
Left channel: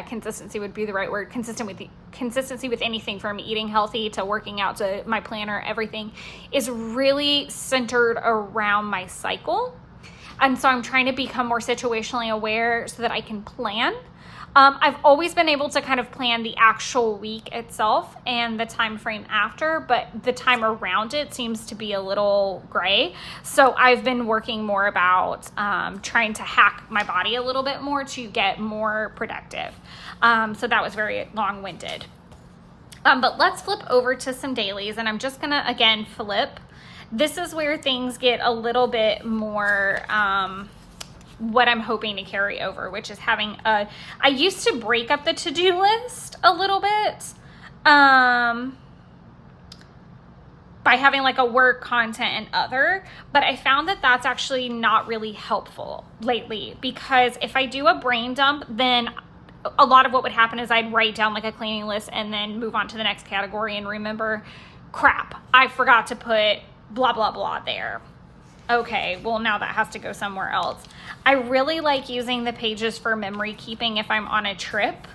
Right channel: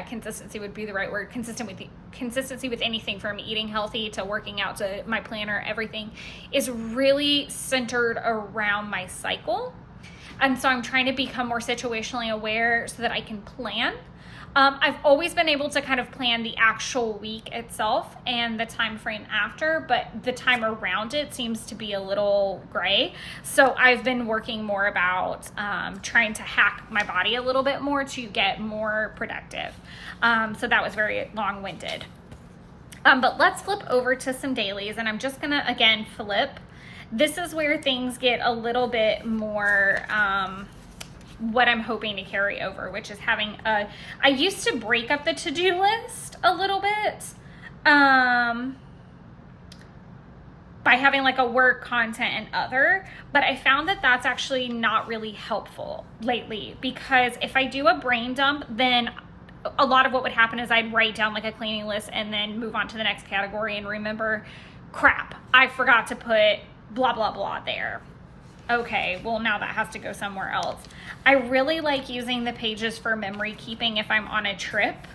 consistency would be the right word. Consistency with anything from eating healthy to working out to my planner, everything is really centered around my cycle. And so I'm trying to become more situationally aware so that I can plan. I've always been able to kind of plan the actual week itself and the time frame after, but the time around it seems to be a little gray. So I've been working more about trying to hack my body a little bit more to get more productive. So that was very long-winded. But let's flip over to some dailies, and I'm just gonna, again, flip. This is where things get a little bit more what I'm hoping to carry over, which is having I used to break up the to-do list a little bit by having like a work, content, and other, but I found that that's actually not really helpful lately, because if I do a brain dump, then a lot of what would happen is I'd write down like a cleaning list and then move on to the next category and remember, crap, I forgot to put blah, blah, blah there. Okay, well now that has to go somewhere else. I really like using the pages for memory keeping if I'm on a trip.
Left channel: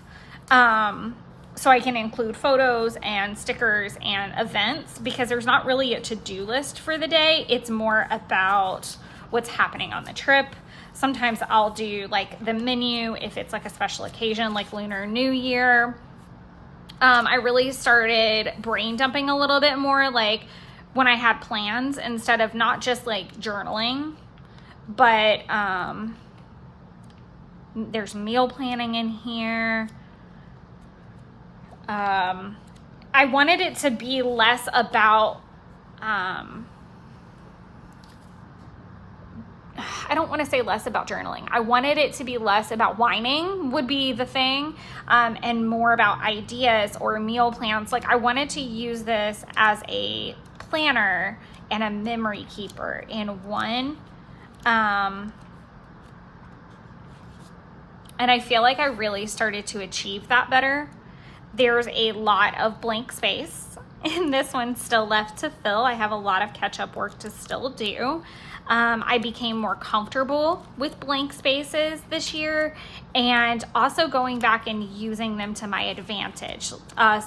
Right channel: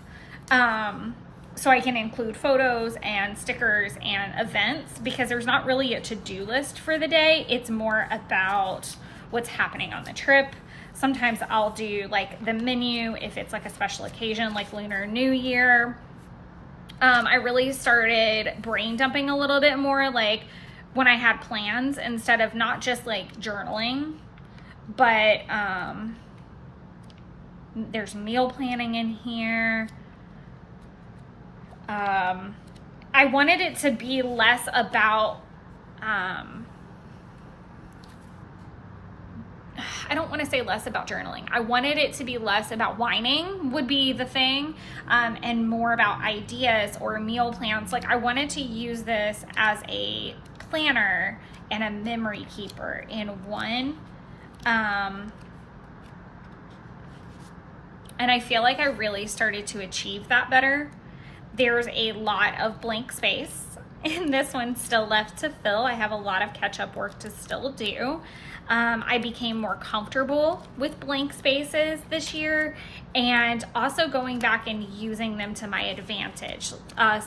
So I can include photos and stickers and events, because there's not really a to-do list for the day. It's more about what's happening on the trip. Sometimes I'll do like the menu if it's like a special occasion like Lunar New Year. I really started brain dumping a little bit more, like when I had plans, instead of not just like journaling, but there's meal planning in here. I wanted it to be less about, I don't want to say less about journaling. I wanted it to be less about whining would be the thing, and more about ideas or meal plans. Like I wanted to use this as a planner and a memory keeper in one. And I feel like I really started to achieve that better. There's a lot of blank space in this one still left to fill. I have a lot of catch-up work to still do. I became more comfortable with blank spaces this year, and also going back and using them to my advantage,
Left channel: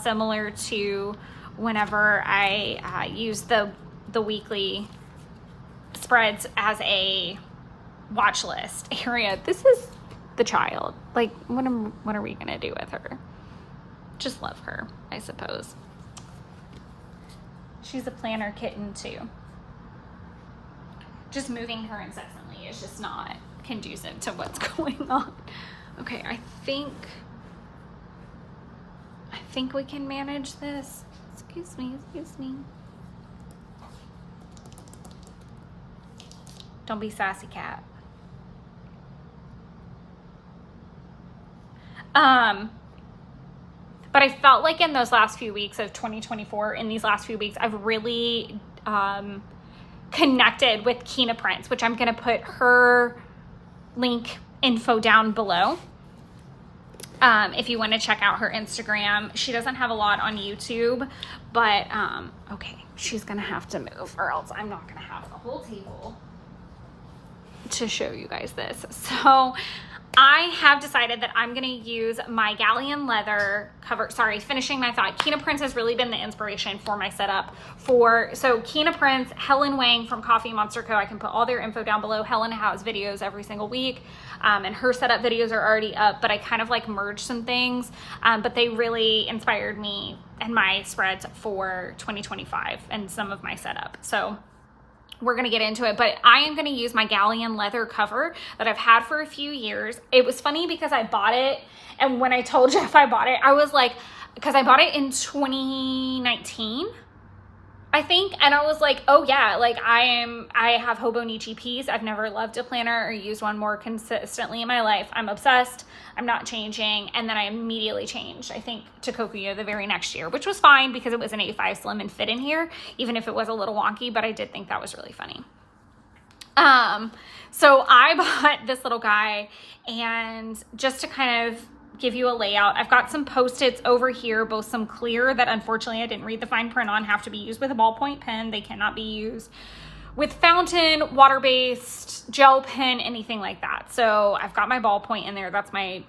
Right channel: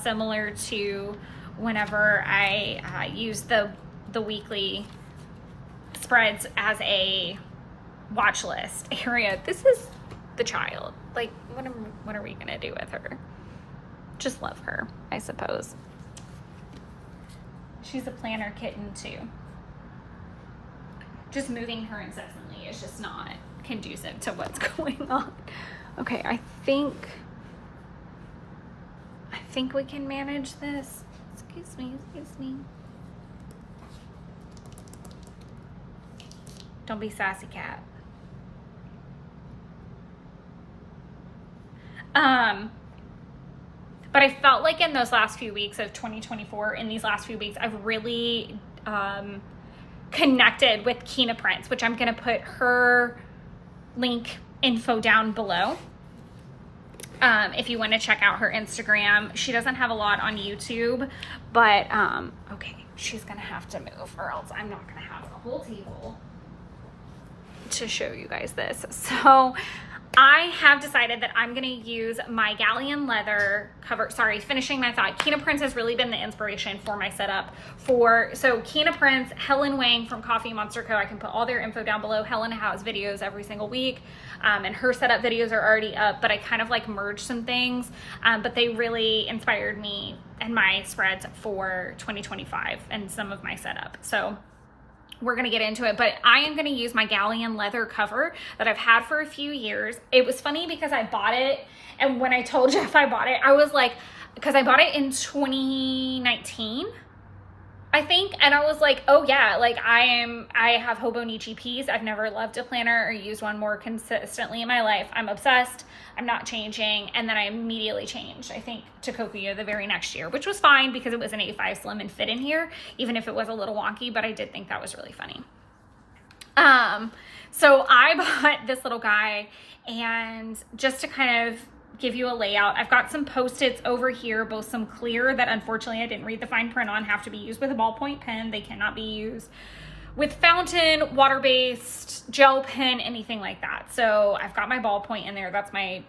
similar to whenever I use the weekly spreads as a watch list area. This is the child. Like, what are we gonna do with her? Just love her, I suppose. She's a planner kitten too. Just moving her incessantly is just not conducive to what's going on. Okay, I think we can manage this. Excuse me. Don't be sassy, cat. But I felt like in those last few weeks of 2024, in these last few weeks, I've really connected with Kina Prince, which I'm gonna put her link info down below. If you want to check out her Instagram. She doesn't have a lot on YouTube, but okay, she's gonna have to move or else I'm not gonna have the whole table to show you guys this. So I have decided that I'm gonna use my Galleon leather cover. Sorry, finishing my thought. Kina Prince has really been the inspiration for my setup. So Kina Prince, Helen Wang from Coffee Monster Co. I can put all their info down below. Helen has videos every single week, and her setup videos are already up, but I kind of like merged some things, but they really inspired me and my spreads for 2025 and some of my setup. So we're gonna get into it, but I am gonna use my Galleon leather cover that I've had for a few years. It was funny because I bought it, and when I told Jeff I bought it, I was like, because I bought it in 2019, I think, and I was like, oh yeah, like I have Hobonichi peas. I've never loved a planner or used one more consistently in my life. I'm obsessed. I'm not changing. And then I immediately changed, I think, to Kokuyo the very next year, which was fine because it was an A5 slim and fit in here, even if it was a little wonky, but I did think that was really funny. So I bought this little guy, and just to kind of give you a layout, I've got some Post-its over here, both some clear that unfortunately I didn't read the fine print on, have to be used with a ballpoint pen. They cannot be used with fountain, water-based, gel pen, anything like that. So I've got my ballpoint in there. That's my,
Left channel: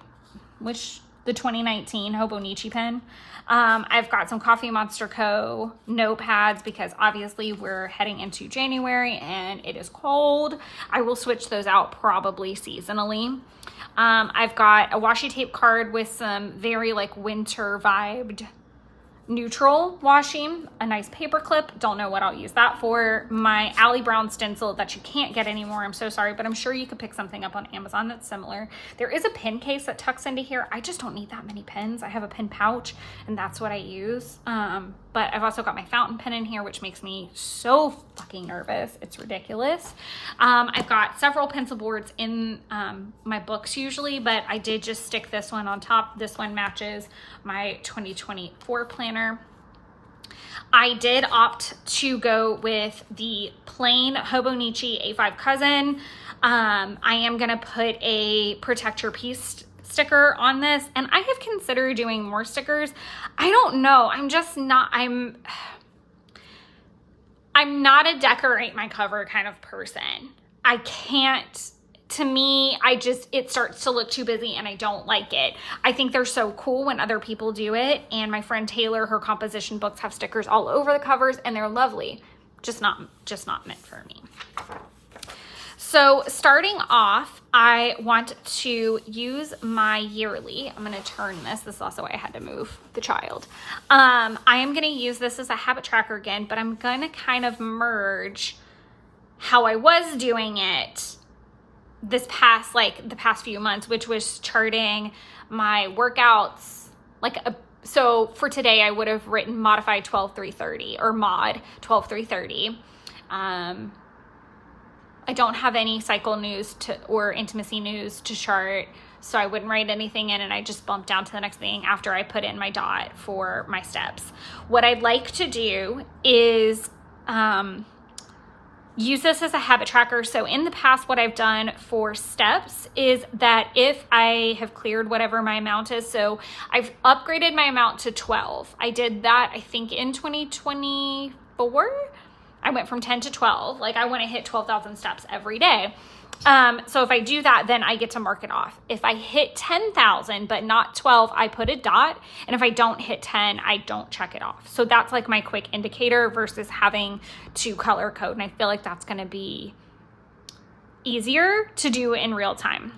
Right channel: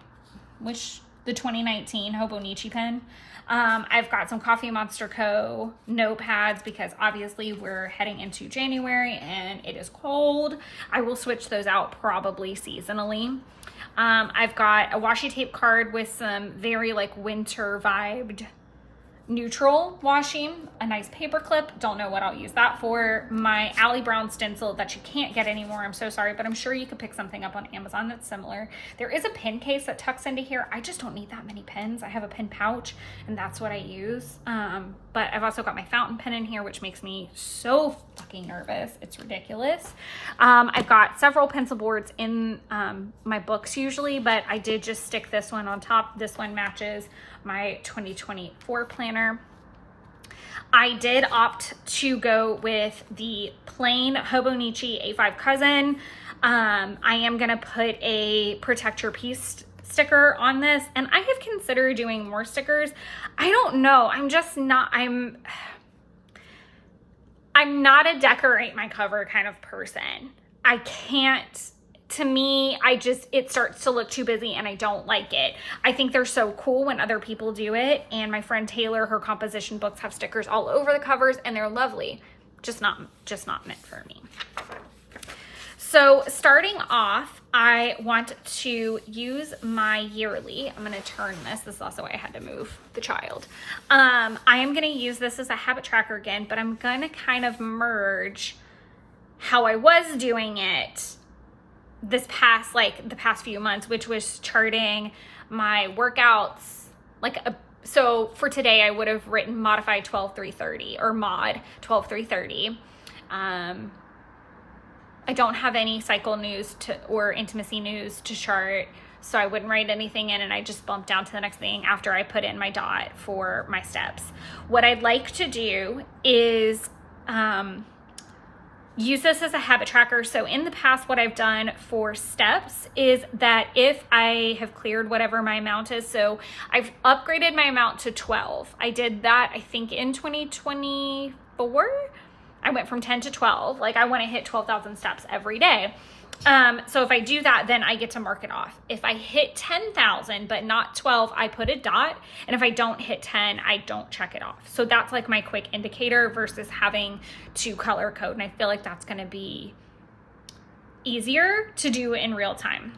the 2019 Hobonichi pen. I've got some Coffee Monster Co. notepads because obviously we're heading into January and it is cold. I will switch those out probably seasonally. I've got a washi tape card with some very like winter vibed neutral washing, a nice paper clip. Don't know what I'll use that for. My Allie Brown stencil that you can't get anymore. I'm so sorry, but I'm sure you could pick something up on Amazon that's similar. There is a pen case that tucks into here. I just don't need that many pens. I have a pen pouch and that's what I use. But I've also got my fountain pen in here, which makes me so fucking nervous. It's ridiculous. I've got several pencil boards in my books usually, but I did just stick this one on top. This one matches my 2024 planner. I did opt to go with the plain Hobonichi A5 cousin. I am gonna put a protect your piece sticker on this, and I have considered doing more stickers. I don't know, I'm not a decorate my cover kind of person. I can't, to me, it starts to look too busy and I don't like it. I think they're so cool when other people do it. And my friend Taylor, her composition books have stickers all over the covers and they're lovely. Just not meant for me. So starting off, I want to use my yearly. I'm going to turn this. This is also why I had to move the child. I am going to use this as a habit tracker again, but I'm going to kind of merge how I was doing it this past, like the past few months, which was charting my workouts. So for today, I would have written modified 12-3-30 or mod 12-3-30. I don't have any cycle news or intimacy news to chart, so I wouldn't write anything in, and I just bumped down to the next thing after I put in my dot for my steps. What I'd like to do is use this as a habit tracker. So in the past, what I've done for steps is that if I have cleared whatever my amount is, so I've upgraded my amount to 12. I did that, I think, in 2024. I went from 10 to 12. Like, I want to hit 12,000 steps every day. So if I do that, then I get to mark it off. If I hit 10,000 but not 12, I put a dot. And if I don't hit 10, I don't check it off. So that's like my quick indicator versus having to color code. And I feel like that's going to be easier to do in real time.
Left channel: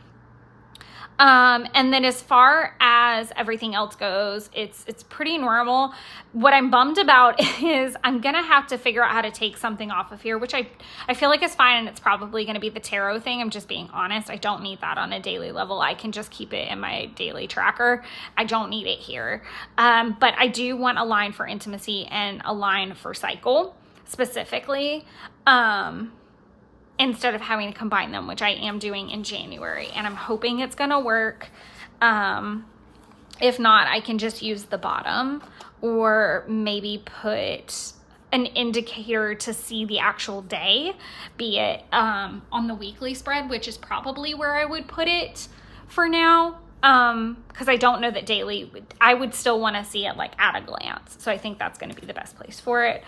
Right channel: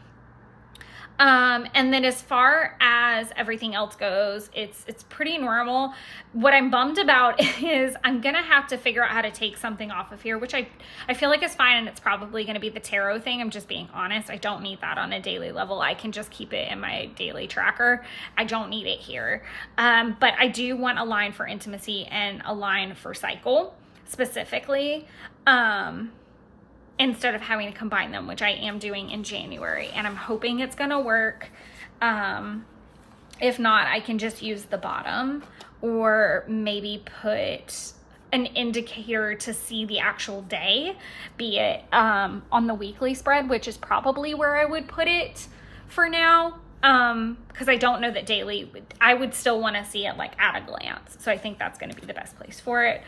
And then as far as everything else goes, it's pretty normal. What I'm bummed about is I'm gonna have to figure out how to take something off of here, which I feel like is fine, and it's probably gonna be the tarot thing. I'm just being honest. I don't need that on a daily level. I can just keep it in my daily tracker. I don't need it here. But I do want a line for intimacy and a line for cycle specifically. Instead of having to combine them, which I am doing in January, and I'm hoping it's gonna work. If not, I can just use the bottom, or maybe put an indicator to see the actual day, be it on the weekly spread, which is probably where I would put it for now, because I don't know that daily, I would still wanna see it like at a glance. So I think that's gonna be the best place for it.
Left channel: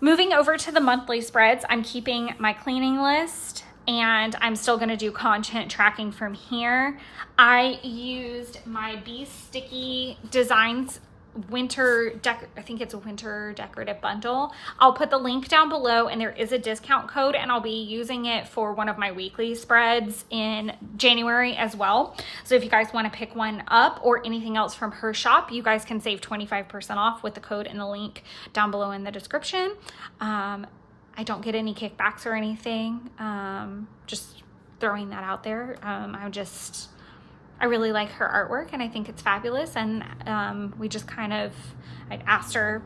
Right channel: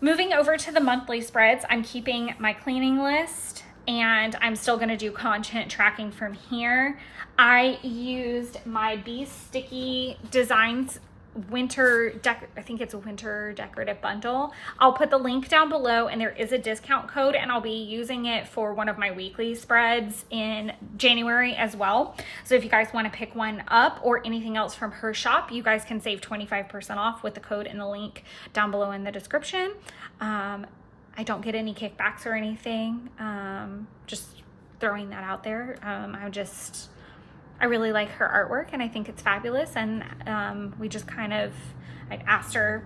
Moving over to the monthly spreads, I'm keeping my cleaning list, and I'm still gonna do content tracking from here. I used my BeeStickyDesigns I think it's a winter decorative bundle. I'll put the link down below, and there is a discount code, and I'll be using it for one of my weekly spreads in January as well. So if you guys want to pick one up or anything else from her shop, you guys can save 25% off with the code and the link down below in the description. I don't get any kickbacks or anything. Just throwing that out there. I really like her artwork, and I think it's fabulous. And we just I'd asked her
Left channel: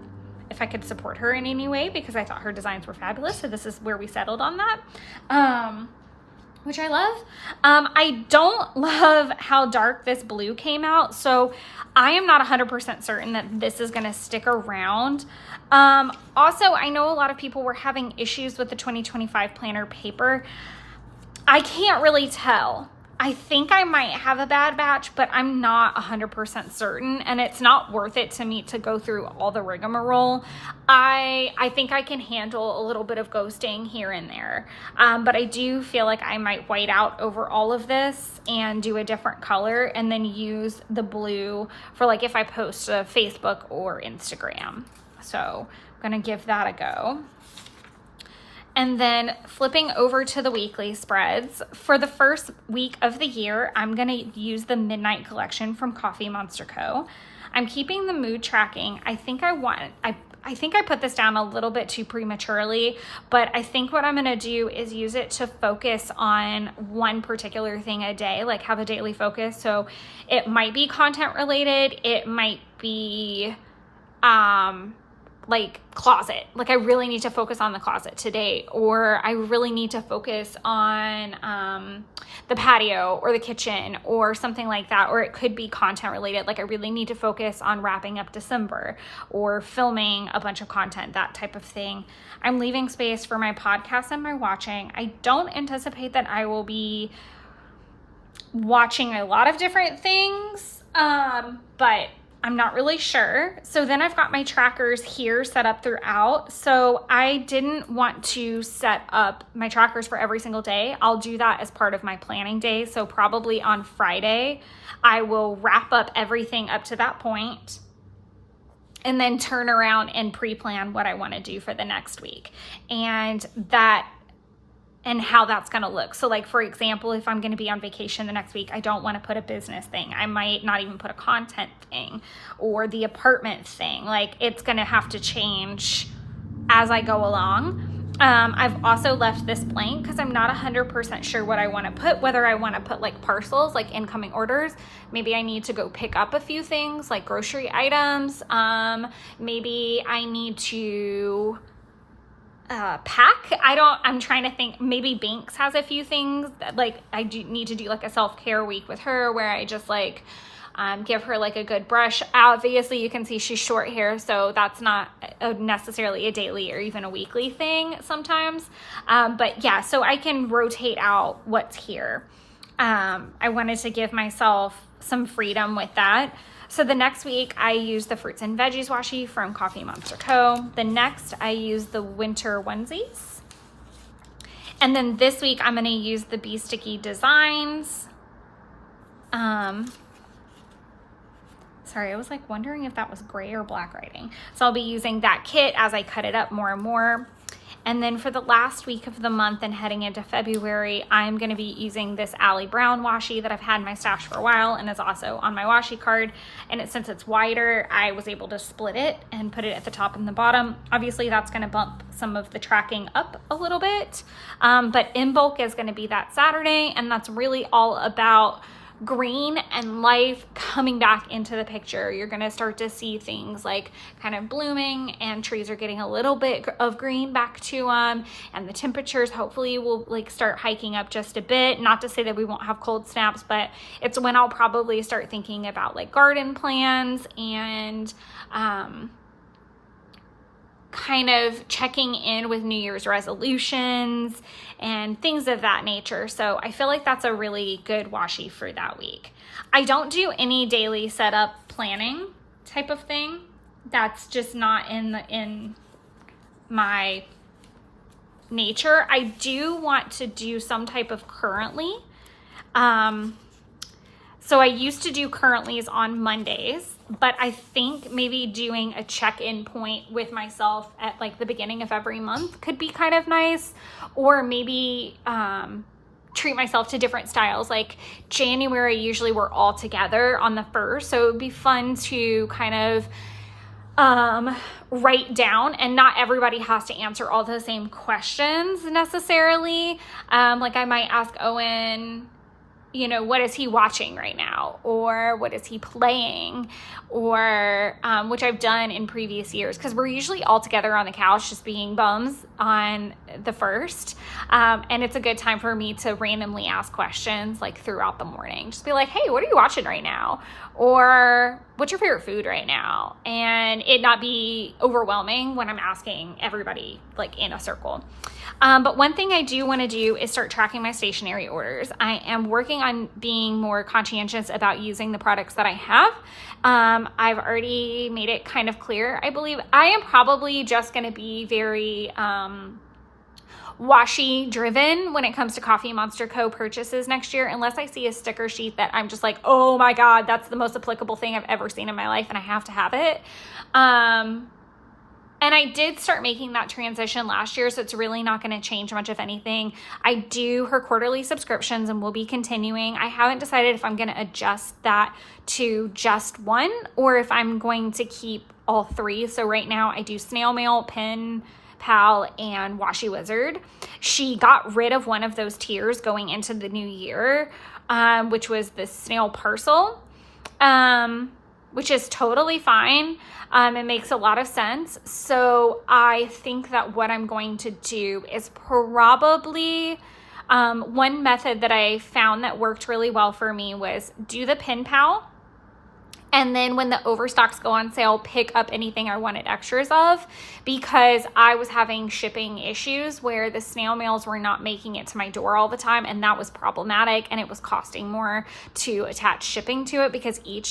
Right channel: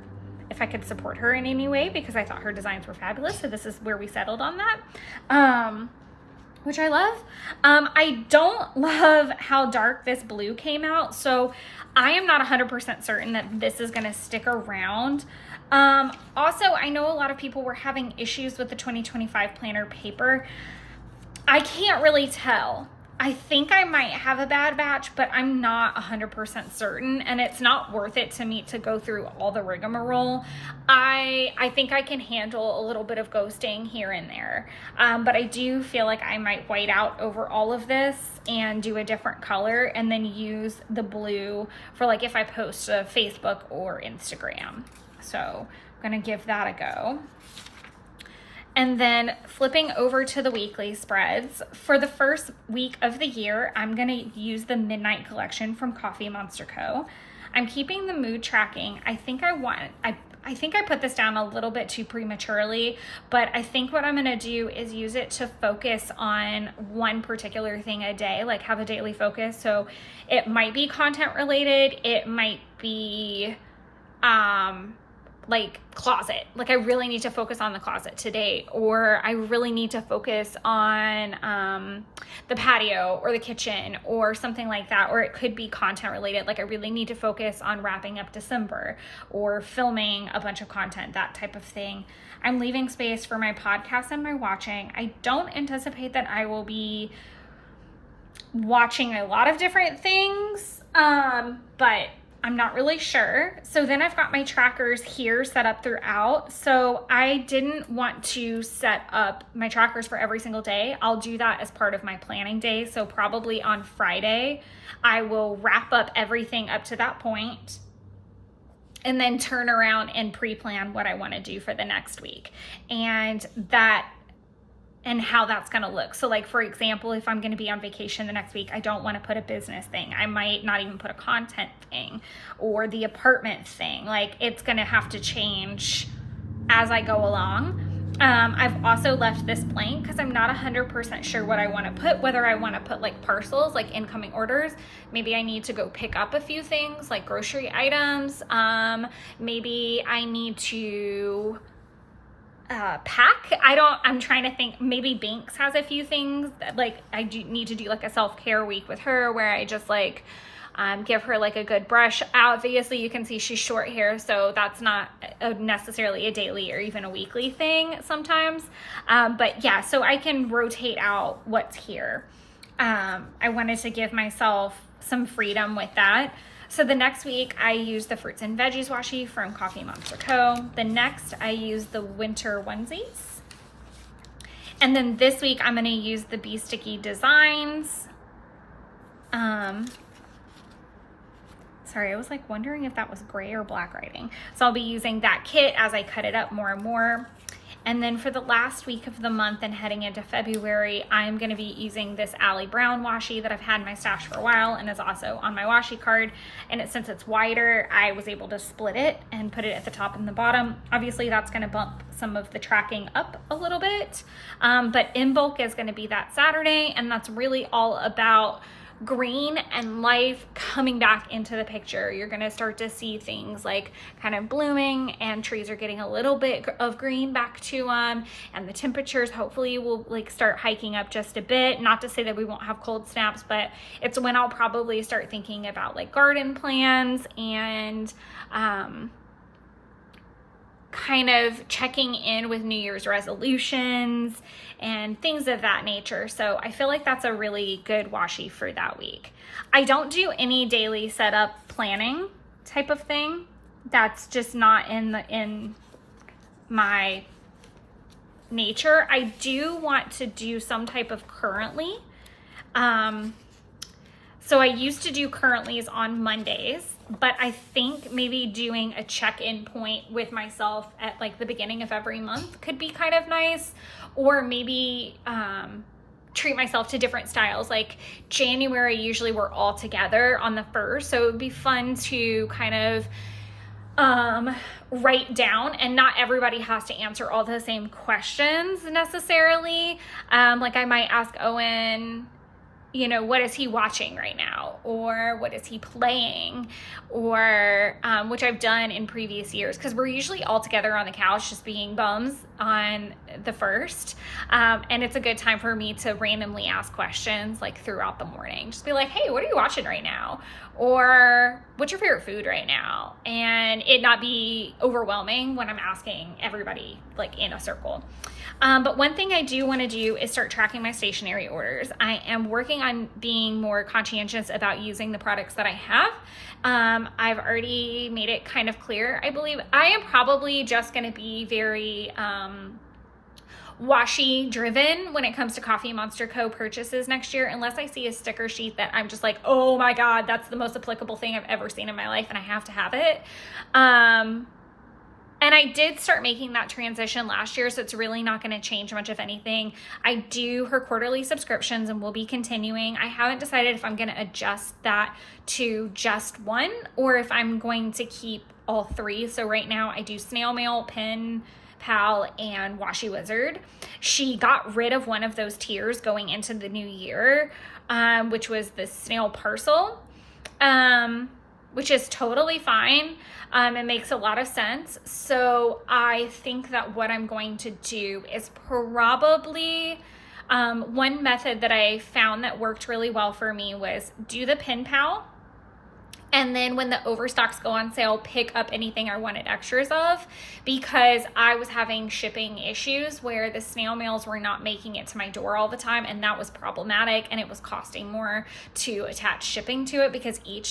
if I could support her in any way because I thought her designs were fabulous. So this is where we settled on that, which I love. I don't love how dark this blue came out. So I am not 100% certain that this is gonna stick around. Also, I know a lot of people were having issues with the 2025 planner paper. I can't really tell. I think I might have a bad batch, but I'm not 100% certain, and it's not worth it to me to go through all the rigmarole. I think I can handle a little bit of ghosting here and there, but I do feel like I might white out over all of this and do a different color and then use the blue for like if I post to Facebook or Instagram. So I'm gonna give that a go. And then flipping over to the weekly spreads, for the first week of the year, I'm gonna use the Midnight Collection from Coffee Monster Co. I'm keeping the mood tracking. I think I put this down a little bit too prematurely, but I think what I'm gonna do is use it to focus on one particular thing a day, like have a daily focus. So it might be content related, it might be, like closet, like I really need to focus on the closet today, or I really need to focus on the patio or the kitchen or something like that, or it could be content related, like I really need to focus on wrapping up December or filming a bunch of content, that type of thing. I'm leaving space for my podcast and my watching. I don't anticipate that I will be watching a lot of different things, but I'm not really sure. So then I've got my trackers here set up throughout. So I didn't want to set up my trackers for every single day. I'll do that as part of my planning day. So probably on Friday, I will wrap up everything up to that point and then turn around and pre-plan what I want to do for the next week. And how that's gonna look. So like, for example, if I'm gonna be on vacation the next week, I don't wanna put a business thing. I might not even put a content thing or the apartment thing. Like it's gonna have to change as I go along. I've also left this blank because I'm not 100% sure what I wanna put, whether I wanna put like parcels, like incoming orders. Maybe I need to go pick up a few things like grocery items. Maybe I need to pack. I'm trying to think, maybe Binks has a few things that, like I do need to do like a self-care week with her where I just like give her like a good brush. Obviously you can see she's short hair, so that's not necessarily a daily or even a weekly thing sometimes, but yeah, so I can rotate out what's here. I wanted to give myself some freedom with that. So the next week I use the fruits and veggies washi from Coffee Monster Co. The next I use the winter onesies. And then this week I'm gonna use the BeeStickyDesigns. Sorry, I was like wondering if that was gray or black writing. So I'll be using that kit as I cut it up more and more. And then for the last week of the month and heading into February, I'm gonna be using this Allie Brown washi that I've had in my stash for a while and is also on my washi card. And since it's wider, I was able to split it and put it at the top and the bottom. Obviously that's gonna bump some of the tracking up a little bit, but in bulk is gonna be that Saturday, and that's really all about green and life coming back into the picture. You're gonna start to see things like kind of blooming, and trees are getting a little bit of green back to them, and the temperatures hopefully will like start hiking up just a bit. Not to say that we won't have cold snaps, but it's when I'll probably start thinking about like garden plans and kind of checking in with New Year's resolutions and things of that nature. So I feel like that's a really good washi for that week. I don't do any daily setup planning type of thing. That's just not in my nature. I do want to do some type of currently. So I used to do currentlies on Mondays, but I think maybe doing a check-in point with myself at like the beginning of every month could be kind of nice. Or maybe treat myself to different styles. Like January, usually we're all together on the 1st. So it would be fun to kind of write down, and not everybody has to answer all the same questions necessarily. Like I might ask Owen, you know, what is he watching right now? Or what is he playing? Or, which I've done in previous years, because we're usually all together on the couch just being bums on the first. And it's a good time for me to randomly ask questions like throughout the morning. Just be like, hey, what are you watching right now? Or what's your favorite food right now? And it not be overwhelming when I'm asking everybody like in a circle. But one thing I do want to do is start tracking my stationery orders. I am working on being more conscientious about using the products that I have. I've already made it kind of clear. I believe I am probably just going to be very washi driven when it comes to Coffee Monster Co. purchases next year, unless I see a sticker sheet that I'm just like, oh my God, that's the most applicable thing I've ever seen in my life and I have to have it. And I did start making that transition last year, so it's really not going to change much, if anything. I do her quarterly subscriptions and will be continuing. I haven't decided if I'm going to adjust that to just one or if I'm going to keep all three. So right now I do Snail Mail, Pen Pal, and Washi Wizard. She got rid of one of those tiers going into the new year, which was the Snail Parcel, which is totally fine. It makes a lot of sense. So I think that what I'm going to do is probably, one method that I found that worked really well for me was do the Pen Pal. And then when the overstocks go on sale, pick up anything I wanted extras of, because I was having shipping issues where the snail mails were not making it to my door all the time. And that was problematic, and it was costing more to attach shipping to it because each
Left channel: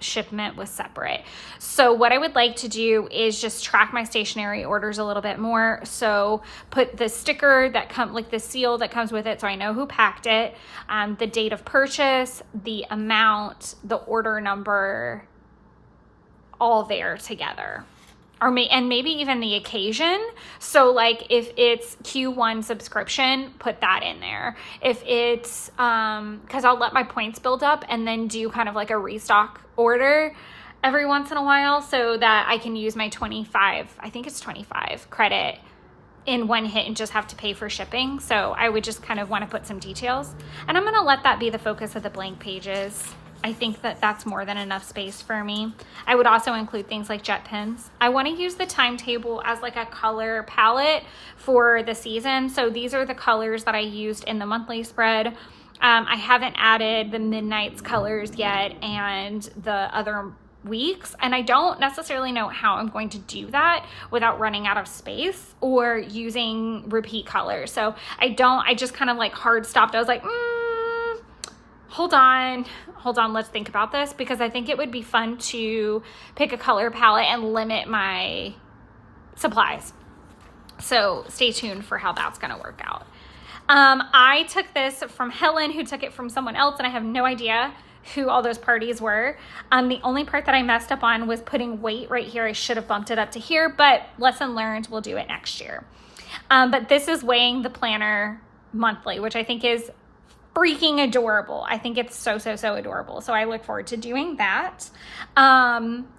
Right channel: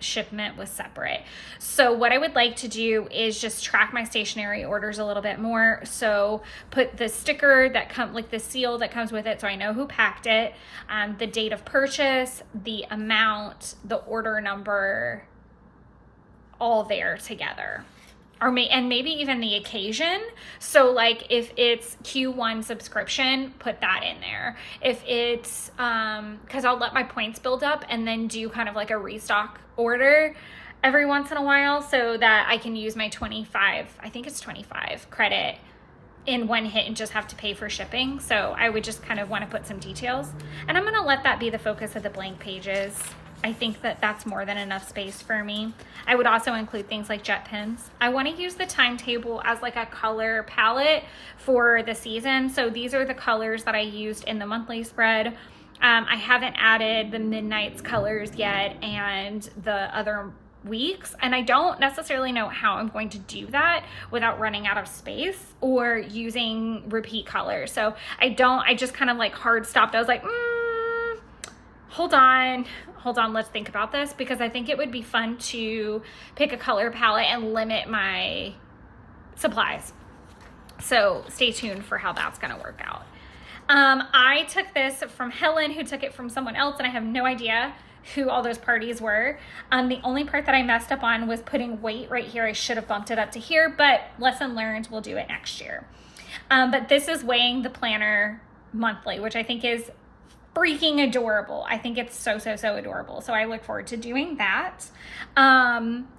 shipment was separate. So what I would like to do is just track my stationery orders a little bit more. So put the sticker that comes, like the seal that comes with it, so I know who packed it, the date of purchase, the amount, the order number, all there together. And maybe even the occasion. So like if it's Q1 subscription, put that in there. If it's, cause I'll let my points build up and then do kind of like a restock order every once in a while so that I can use my 25, I think it's 25 credit in one hit and just have to pay for shipping. So I would just kind of want to put some details, and I'm going to let that be the focus of the blank pages. I think that that's more than enough space for me. I would also include things like jet pens. I want to use the timetable as like a color palette for the season. So these are the colors that I used in the monthly spread. I haven't added the Midnight's colors yet and the other weeks, and I don't necessarily know how I'm going to do that without running out of space or using repeat colors. So I just kind of like hard stopped. I was like, hold on, let's think about this, because I think it would be fun to pick a color palette and limit my supplies. So stay tuned for how that's going to work out. I took this from Helen, who took it from someone else, and I have no idea who all those parties were. The only part that I messed up on was putting weight right here. I should have bumped it up to here, but lesson learned, we'll do it next year. But this is weighing the planner monthly, which I think is freaking adorable. I think it's so adorable. So I look forward to doing that.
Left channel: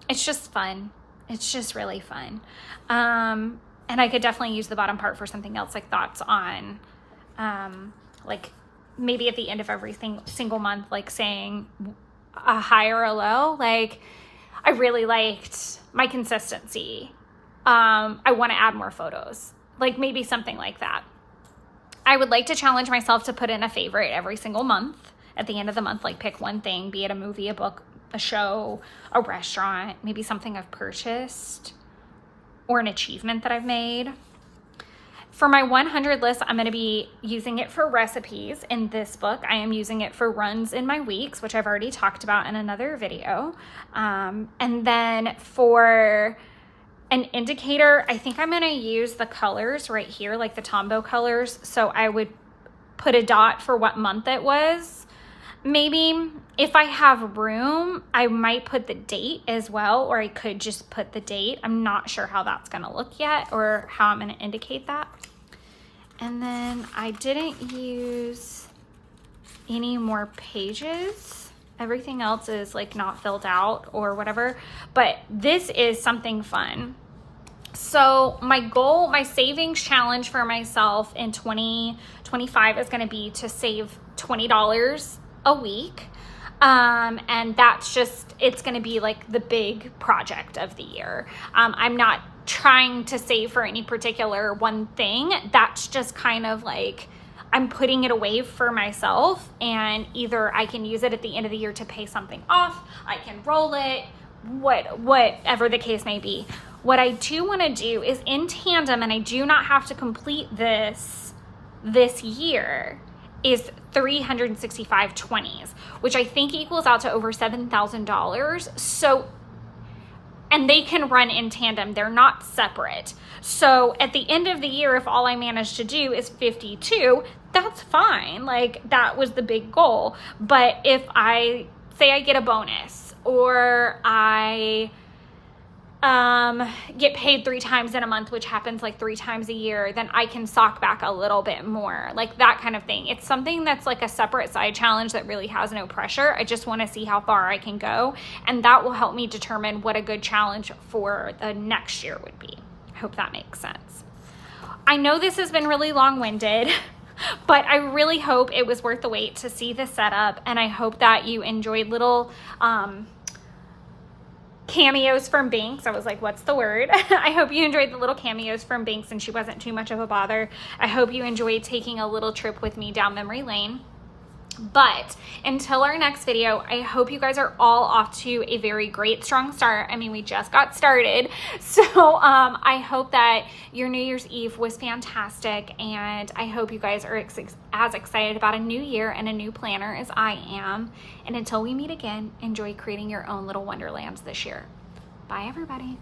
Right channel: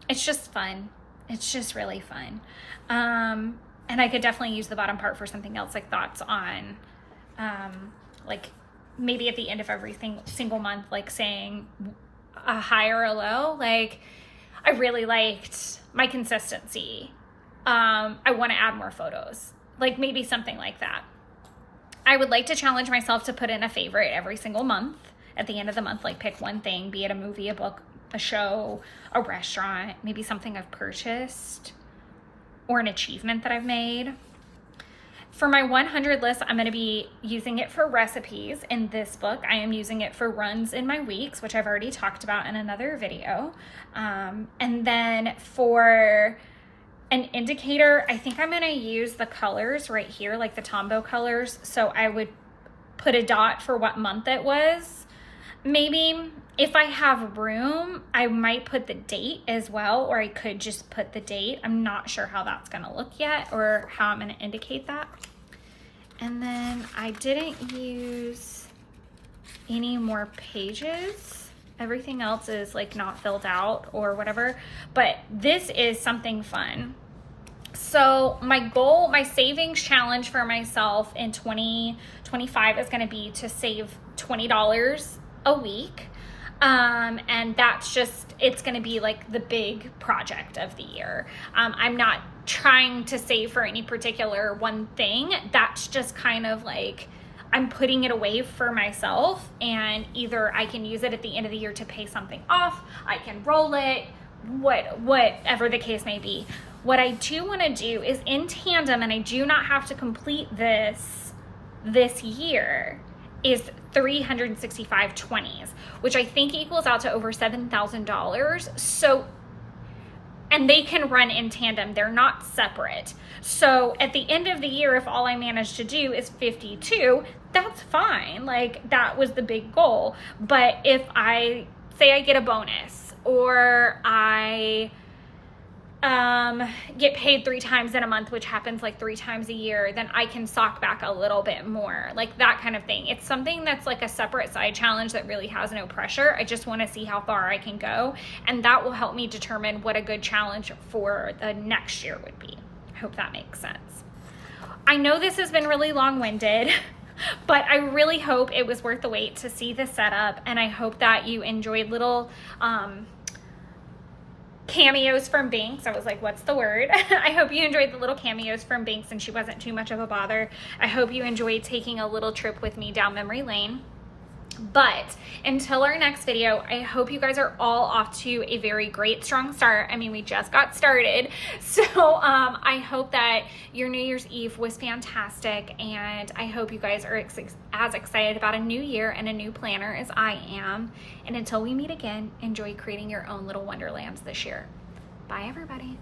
It's just fun. It's just really fun. And I could definitely use the bottom part for something else, like thoughts on, like maybe at the end of every single month, like saying a high or a low. Like, I really liked my consistency. I want to add more photos, like maybe something like that. I would like to challenge myself to put in a favorite every single month at the end of the month, like pick one thing, be it a movie, a book, a show, a restaurant, maybe something I've purchased or an achievement that I've made. For my 100 list, I'm going to be using it for recipes in this book. I am using it for runs in my weeks, which I've already talked about in another video. And then for an indicator, I think I'm going to use the colors right here, like the Tombow colors. So I would put a dot for what month it was. Maybe if I have room, I might put the date as well, or I could just put the date. I'm not sure how that's going to look yet, or how I'm going to indicate that. And then I didn't use any more pages. Everything else is like not filled out or whatever, but this is something fun. So my goal, my savings challenge for myself in 2025 is going to be to save $20 a week. And that's just, it's going to be like the big project of the year. I'm not trying to save for any particular one thing. That's just kind of like, I'm putting it away for myself, and either I can use it at the end of the year to pay something off, I can roll it, whatever the case may be. What I do want to do is in tandem, and I do not have to complete this year, is 365 20s, which I think equals out to over $7,000. So, and they can run in tandem, they're not separate. So at the end of the year, if all I manage to do is 52, that's fine. Like, that was the big goal. But if I say I get a bonus, or I get paid 3 times in a month, which happens like 3 times a year, then I can sock back a little bit more, like that kind of thing. It's something that's like a separate side challenge that really has no pressure. I just want to see how far I can go, and that will help me determine what a good challenge for the next year would be. I hope that makes sense. I know this has been really long-winded, but I really hope it was worth the wait to see the setup, and I hope that you enjoyed little cameos from Binks. I was like, what's the word? I hope you enjoyed the little cameos from Binks, and she wasn't too much of a bother. I hope you enjoyed taking a little trip with me down memory lane. But until our next video, I hope you guys are all off to a very great, strong start. I mean, we just got started. So I hope that your New Year's Eve was fantastic, and I hope you guys are as excited about a new year and a new planner as I am. And until we meet again, enjoy creating your own little wonderlands this year. Bye, everybody.